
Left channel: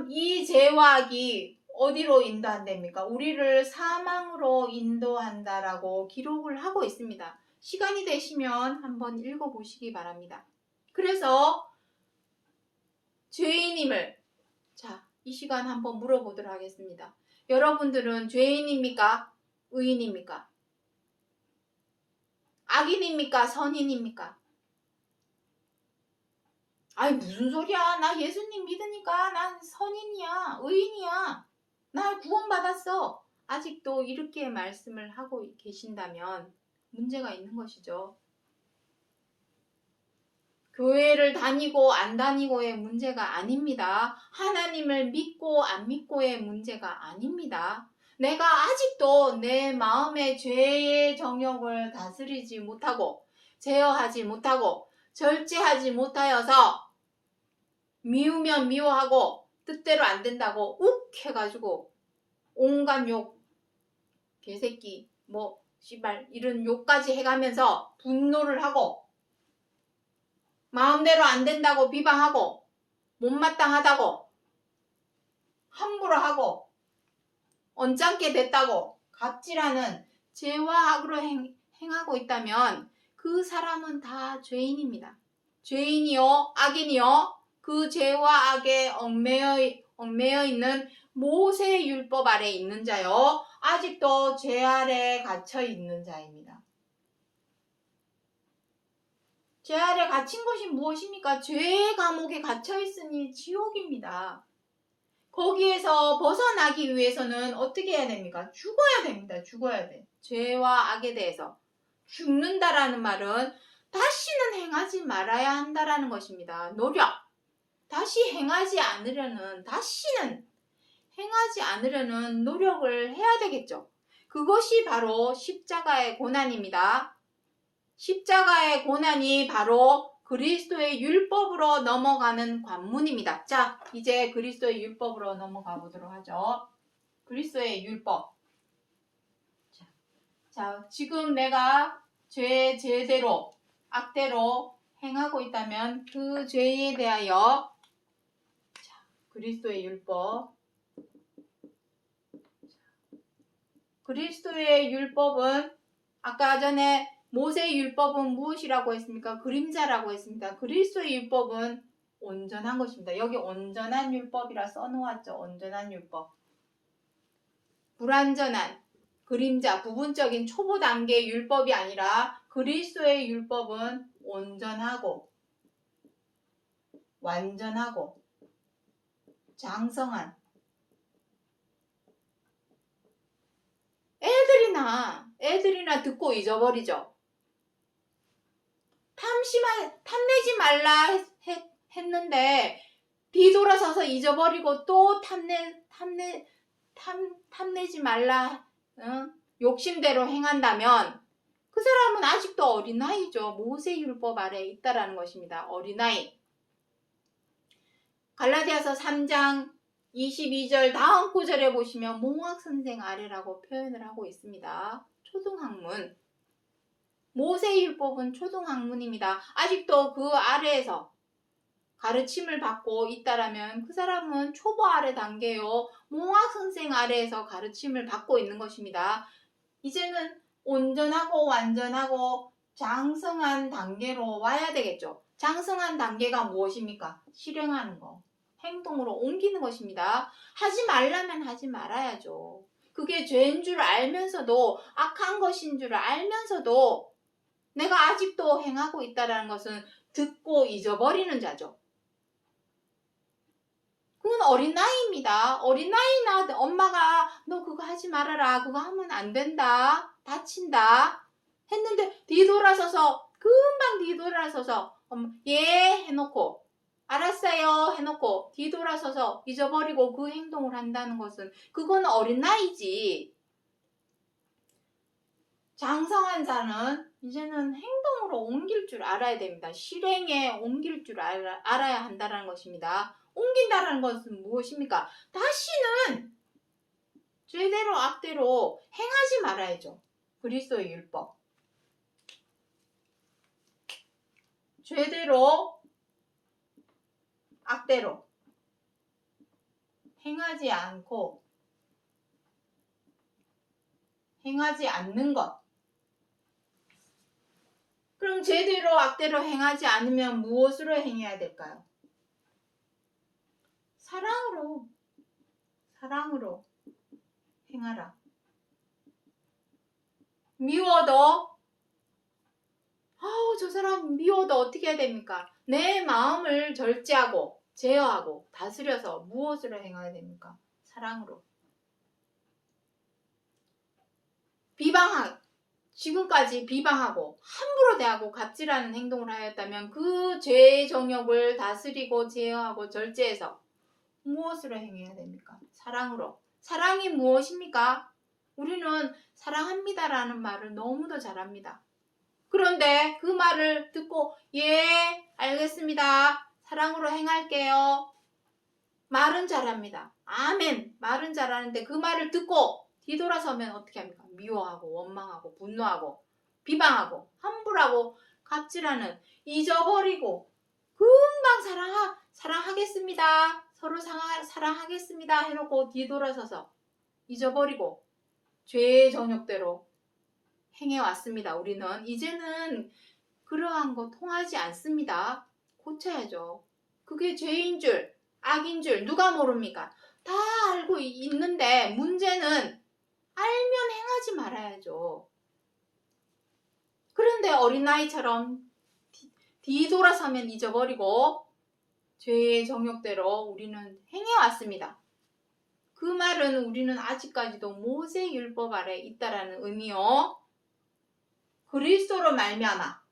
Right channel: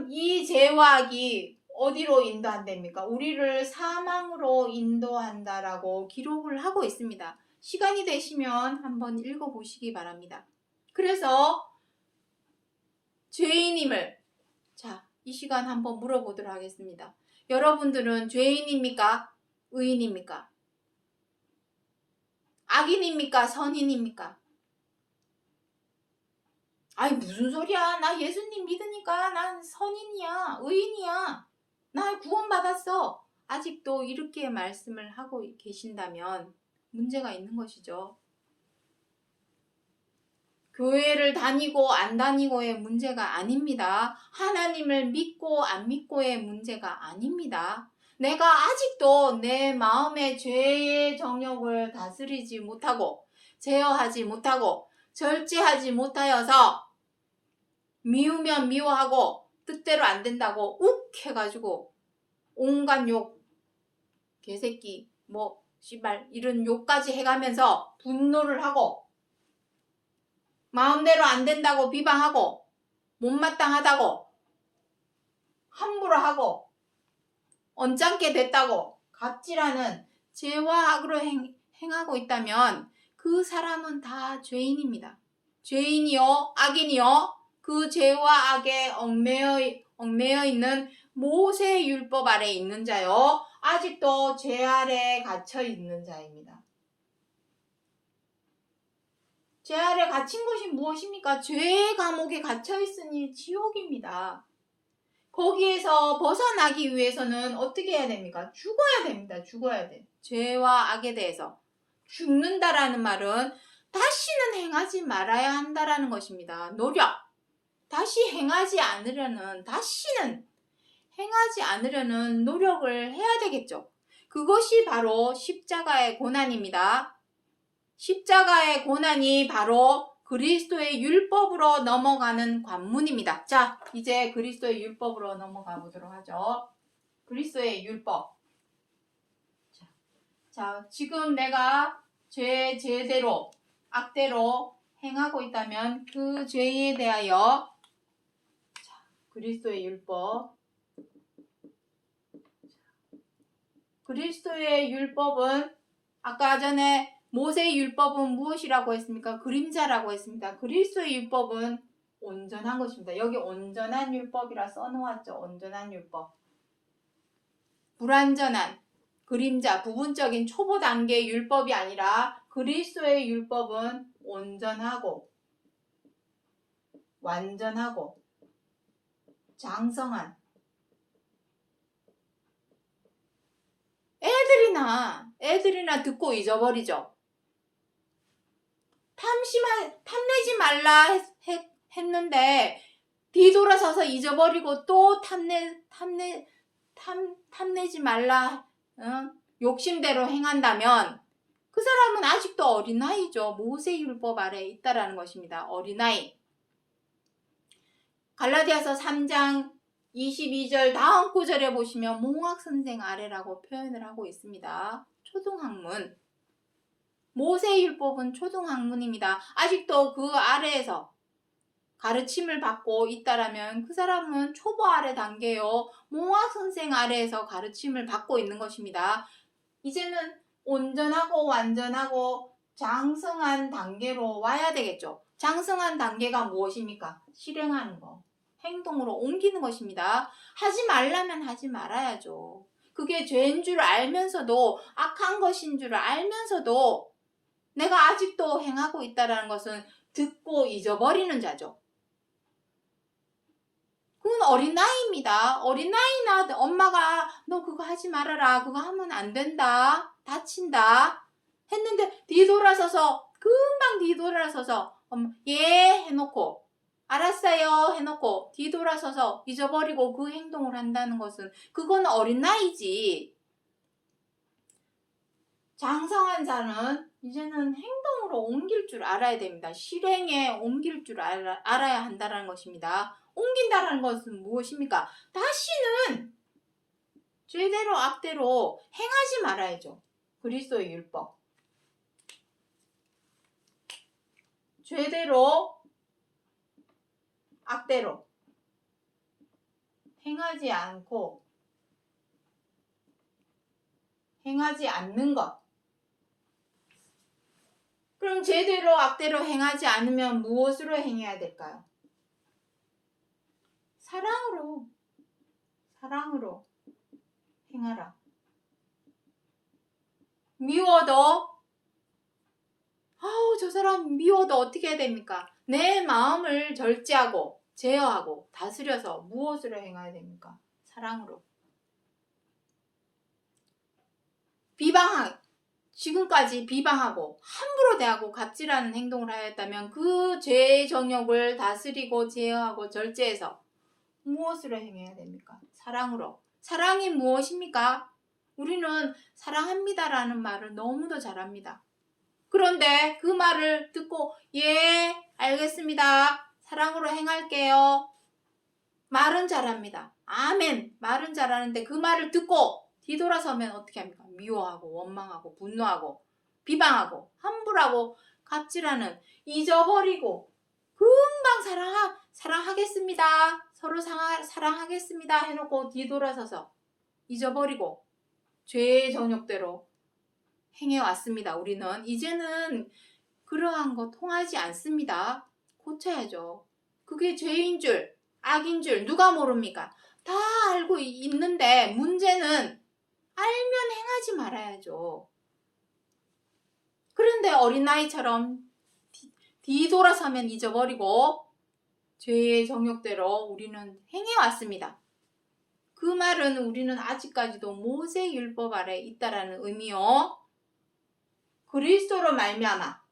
이 죄와 악이 어디로 인도한답니까? 우리를 사망으로 인도한다라고 기록을 하고 있습니다. 시간이 되시면 한번 읽어보시기 바랍니다. 그래서 죄인임을 이 시간 한번 물어보도록 하겠습니다. 여러분들은 죄인입니까? 의인입니까? 악인입니까? 선인입니까? 아이 무슨 소리야. 나 예수님 믿으니까 난 선인이야. 의인이야. 나 구원받았어. 아직도 이렇게 말씀을 하고 계신다면 문제가 있는 것이죠. 교회를 다니고 안 다니고의 문제가 아닙니다. 하나님을 믿고 안 믿고의 문제가 아닙니다. 내가 아직도 내 마음의 죄의 정욕을 다스리지 못하고 제어하지 못하고 절제하지 못하여서 미우면 미워하고 뜻대로 안 된다고 욱 해가지고 온갖 욕, 개새끼, 씨발 이런 욕까지 해가면서 분노를 하고 마음대로 안 된다고 비방하고 못마땅하다고 함부로 하고 언짢게 됐다고 갑질하는 죄와 악으로 행하고 있다면 그 사람은 다 죄인입니다. 죄인이요 악인이요 그 죄와 악에 얽매여 있는 모세 율법 아래 있는 자요 아직도 죄 아래 갇혀 있는 자입니다. 죄 아래 갇힌 것이 무엇입니까? 죄의 감옥에 갇혀 있으니 지옥입니다. 거기에서 벗어나기 위해서는 어떻게 해야 됩니까? 죽어야 됩니다. 죽어야 돼. 죄와 악에 대해서. 죽는다라는 말은 다시는 행하지 말아야 한다라는 것입니다. 노력. 다시는 행하지 않으려는 노력을 해야 되겠죠. 그것이 바로 십자가의 고난입니다. 십자가의 고난이 바로 그리스도의 율법으로 넘어가는 관문입니다. 자, 이제 그리스도의 율법으로 넘어가 보도록 하죠. 그리스도의 율법. 자, 지금 내가 죄대로, 악대로 행하고 있다면 그 죄에 대하여 그리스도의 율법. 그리스도의 율법은 아까 전에 모세의 율법은 무엇이라고 했습니까? 그림자라고 했습니다. 그리스도의 율법은 온전한 것입니다. 여기 온전한 율법이라 써놓았죠. 온전한 율법. 불완전한 그림자, 부분적인 초보 단계의 율법이 아니라 그리스도의 율법은 온전하고 완전하고 장성한 애들이나 듣고 잊어버리죠. 탐내지 말라 했는데 뒤돌아서서 잊어버리고 또 탐내지 말라 욕심대로 행한다면 그 사람은 아직도 어린아이죠. 모세율법 아래 있다라는 것입니다. 어린아이. 갈라디아서 3장 22절 다음 구절에 보시면 몽학선생 아래라고 표현을 하고 있습니다. 초등학문. 모세율법은 초등학문입니다. 아직도 그 아래에서 가르침을 받고 있다라면 그 사람은 초보 아래 단계요. 몽학 선생 아래에서 가르침을 받고 있는 것입니다. 이제는 온전하고 완전하고 장성한 단계로 와야 되겠죠. 장성한 단계가 무엇입니까? 실행하는 거. 행동으로 옮기는 것입니다. 하지 말라면 하지 말아야죠. 그게 죄인 줄 알면서도 악한 것인 줄 알면서도 내가 아직도 행하고 있다는 것은 듣고 잊어버리는 자죠. 그건 어린 나이입니다. 어린 나이나 엄마가 너 그거 하지 말아라. 그거 하면 안 된다. 다친다. 했는데 뒤돌아서서 금방 뒤돌아서서 예 해놓고 알았어요 해놓고 뒤돌아서서 잊어버리고 그 행동을 한다는 것은 그건 어린 나이지. 장성한 자는 이제는 행동으로 옮길 줄 알아야 됩니다. 실행에 옮길 줄 알아야 한다는 것입니다. 옮긴다는 것은 무엇입니까? 다시는 죄대로 악대로 행하지 말아야죠. 그리스도의 율법. 죄대로 악대로 행하지 않고 행하지 않는 것. 그럼 죄대로 악대로 행하지 않으면 무엇으로 행해야 될까요? 사랑으로 행하라. 미워도 저 사람 미워도 어떻게 해야 됩니까? 내 마음을 절제하고 제어하고 다스려서 무엇으로 행해야 됩니까? 사랑으로. 지금까지 비방하고 함부로 대하고 갑질하는 행동을 하였다면 그 죄의 정욕을 다스리고 제어하고 절제해서 무엇으로 행해야 됩니까? 사랑으로. 사랑이 무엇입니까? 우리는 사랑합니다라는 말을 너무도 잘합니다. 그런데 그 말을 듣고 예 알겠습니다. 사랑으로 행할게요. 말은 잘합니다. 아멘. 말은 잘하는데 그 말을 듣고 뒤돌아서면 어떻게 합니까? 미워하고 원망하고 분노하고 비방하고 함부로하고 갑질하는 잊어버리고 금방 사랑하겠습니다. 서로 사랑하겠습니다 해놓고 뒤돌아서서 잊어버리고 죄의 정욕대로 행해왔습니다. 우리는 이제는 그러한 거 통하지 않습니다. 고쳐야죠. 그게 죄인 줄 악인 줄 누가 모릅니까? 다 알고 있는데 문제는 알면 행하지 말아야죠. 그런데 어린아이처럼 뒤돌아서면 잊어버리고 죄의 정욕대로 우리는 행해왔습니다. 그 말은 우리는 아직까지도 모세율법 아래 있다라는 의미요. 그리스도로 말미암아.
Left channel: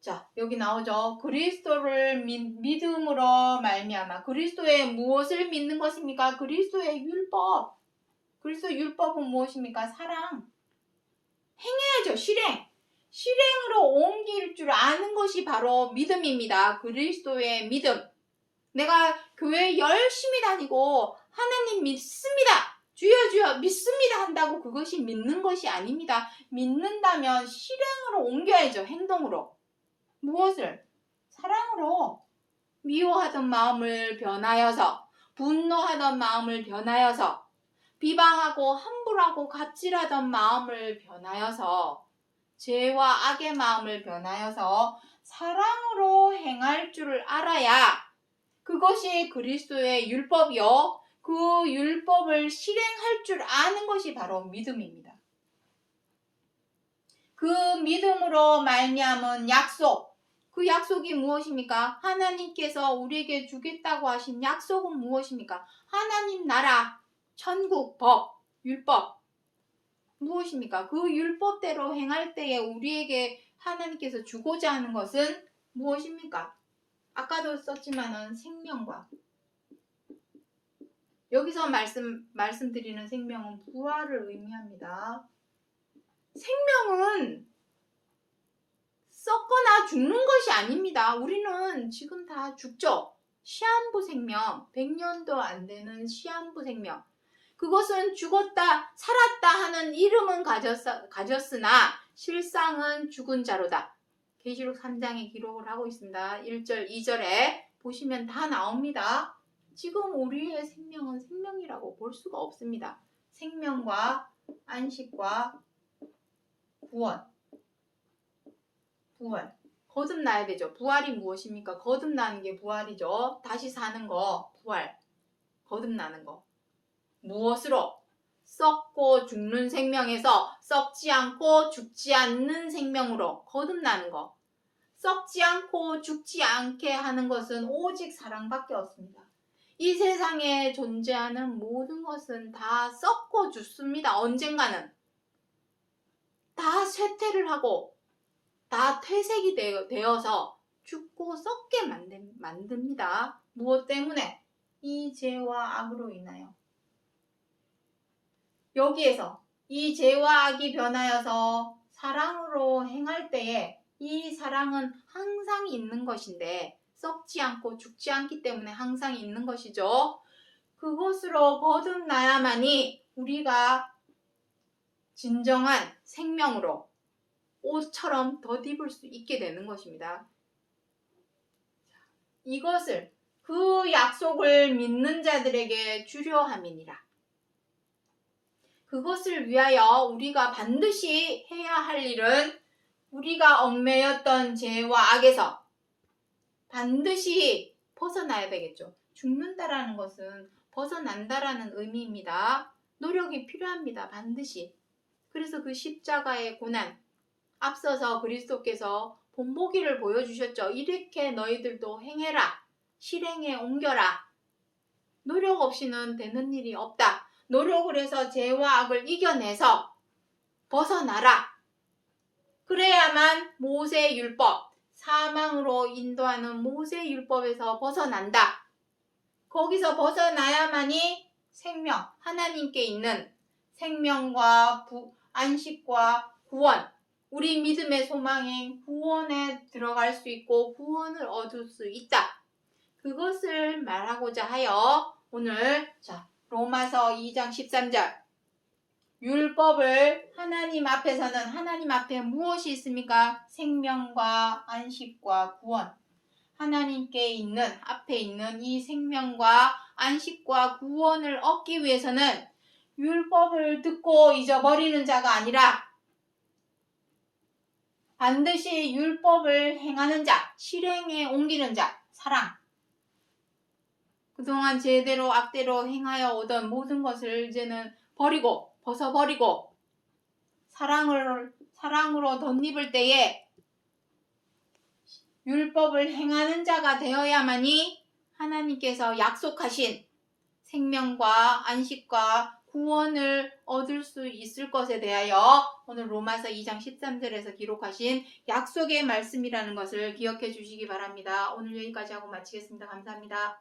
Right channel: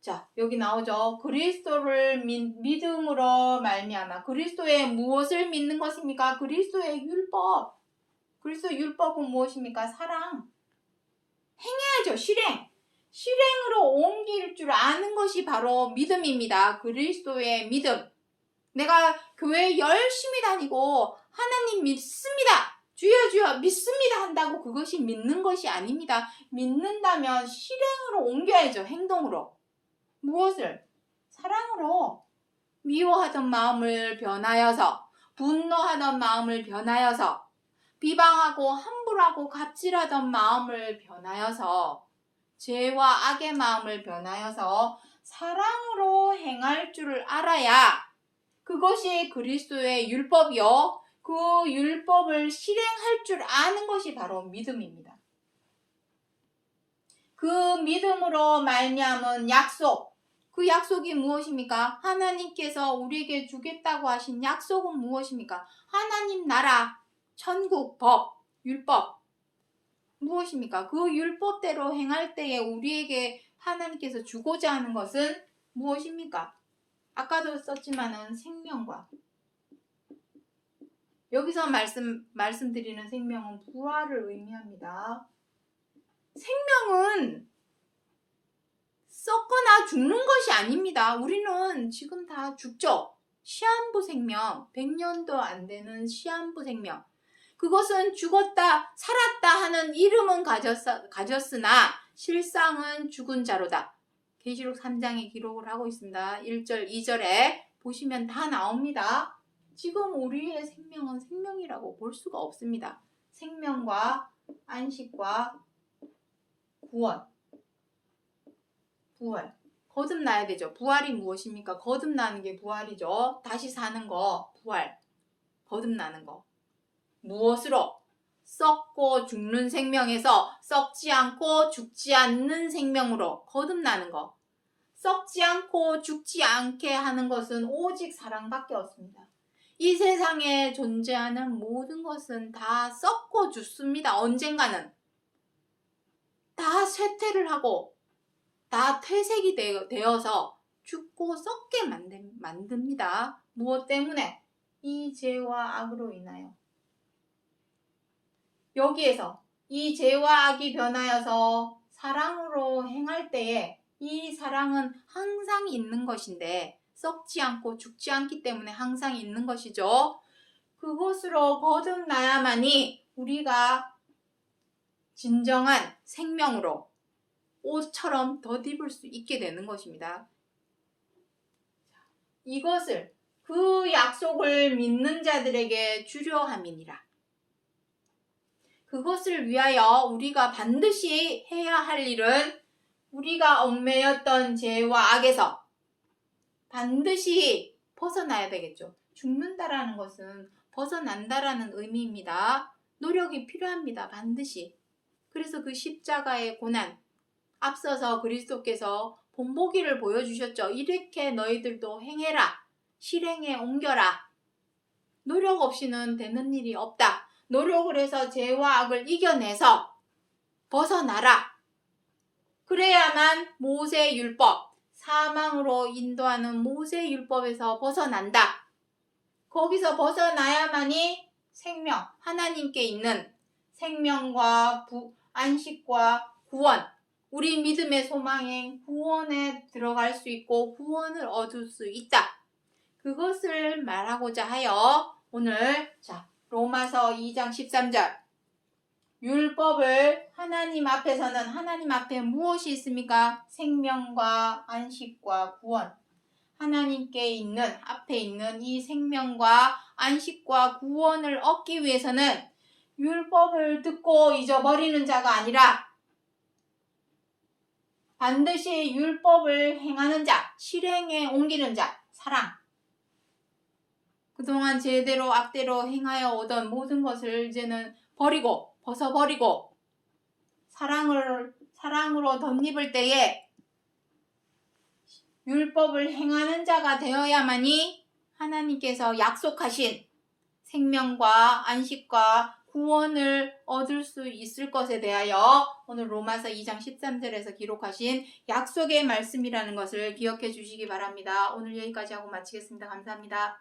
자, 여기 나오죠. 그리스도를 믿음으로 말미암아. 그리스도의 무엇을 믿는 것입니까? 그리스도의 율법. 그리스도 율법은 무엇입니까? 사랑. 행해야죠. 실행으로 옮길 줄 아는 것이 바로 믿음입니다. 그리스도의 믿음. 내가 교회 열심히 다니고 하나님 믿습니다. 주여 주여 믿습니다 한다고 그것이 믿는 것이 아닙니다. 믿는다면 실행으로 옮겨야죠. 행동으로. 무엇을? 사랑으로. 미워하던 마음을 변하여서 분노하던 마음을 변하여서 비방하고 함부로하고 갑질하던 마음을 변하여서 죄와 악의 마음을 변하여서 사랑으로 행할 줄 알아야 그것이 그리스도의 율법이요. 그 율법을 실행할 줄 아는 것이 바로 믿음입니다. 그 믿음으로 말미암은 약속. 그 약속이 무엇입니까? 하나님께서 우리에게 주겠다고 하신 약속은 무엇입니까? 하나님 나라, 천국, 법, 율법. 무엇입니까? 그 율법대로 행할 때에 우리에게 하나님께서 주고자 하는 것은 무엇입니까? 아까도 썼지만은 생명과 여기서 말씀드리는 생명은 부활을 의미합니다. 생명은 썩거나 죽는 것이 아닙니다. 우리는 지금 다 죽죠. 시한부 생명, 100년도 안 되는 시한부 생명. 그것은 죽었다, 살았다 하는 이름은 가졌으나 실상은 죽은 자로다. 계시록 3장에 기록을 하고 있습니다. 1절, 2절에 보시면 다 나옵니다. 지금 우리의 생명은 생명이라고 볼 수가 없습니다. 생명과 안식과 구원, 부활. 거듭나야 되죠. 부활이 무엇입니까? 거듭나는 게 부활이죠. 다시 사는 거, 부활. 거듭나는 거. 무엇으로? 썩고 죽는 생명에서 썩지 않고 죽지 않는 생명으로 거듭나는 거. 썩지 않고 죽지 않게 하는 것은 오직 사랑밖에 없습니다. 이 세상에 존재하는 모든 것은 다 썩고 죽습니다. 언젠가는. 다 쇠퇴를 하고 다 퇴색이 되어서 죽고 썩게 만듭니다. 무엇 때문에? 이 죄와 악으로 인하여. 여기에서 이 죄와 악이 변하여서 사랑으로 행할 때에 이 사랑은 항상 있는 것인데 썩지 않고 죽지 않기 때문에 항상 있는 것이죠. 그것으로 거듭나야만이 우리가 진정한 생명으로 옷처럼 덧입을 수 있게 되는 것입니다. 이것을 그 약속을 믿는 자들에게 주려 함이니라. 그것을 위하여 우리가 반드시 해야 할 일은 우리가 얽매였던 죄와 악에서 반드시 벗어나야 되겠죠. 죽는다라는 것은 벗어난다라는 의미입니다. 노력이 필요합니다. 반드시. 그래서 그 십자가의 고난, 앞서서 그리스도께서 본보기를 보여주셨죠. 이렇게 너희들도 행해라. 실행에 옮겨라. 노력 없이는 되는 일이 없다. 노력을 해서 죄와 악을 이겨내서 벗어나라. 그래야만 모세 율법, 사망으로 인도하는 모세 율법에서 벗어난다. 거기서 벗어나야만이 생명, 하나님께 있는 생명과 안식과 구원, 우리 믿음의 소망인 구원에 들어갈 수 있고 구원을 얻을 수 있다. 그것을 말하고자 하여 오늘 로마서 2장 13절 율법을 하나님 앞에서는 하나님 앞에 무엇이 있습니까? 생명과 안식과 구원. 하나님께 있는 앞에 있는 이 생명과 안식과 구원을 얻기 위해서는 율법을 듣고 잊어버리는 자가 아니라 반드시 율법을 행하는 자, 실행에 옮기는 자, 사랑. 그동안 제대로 악대로 행하여 오던 모든 것을 이제는 버리고 벗어버리고 사랑으로 덧입을 때에 율법을 행하는 자가 되어야만이 하나님께서 약속하신 생명과 안식과 구원을 얻을 수 있을 것에 대하여 오늘 로마서 2장 13절에서 기록하신 약속의 말씀이라는 것을 기억해 주시기 바랍니다. 오늘 여기까지 하고 마치겠습니다. 감사합니다.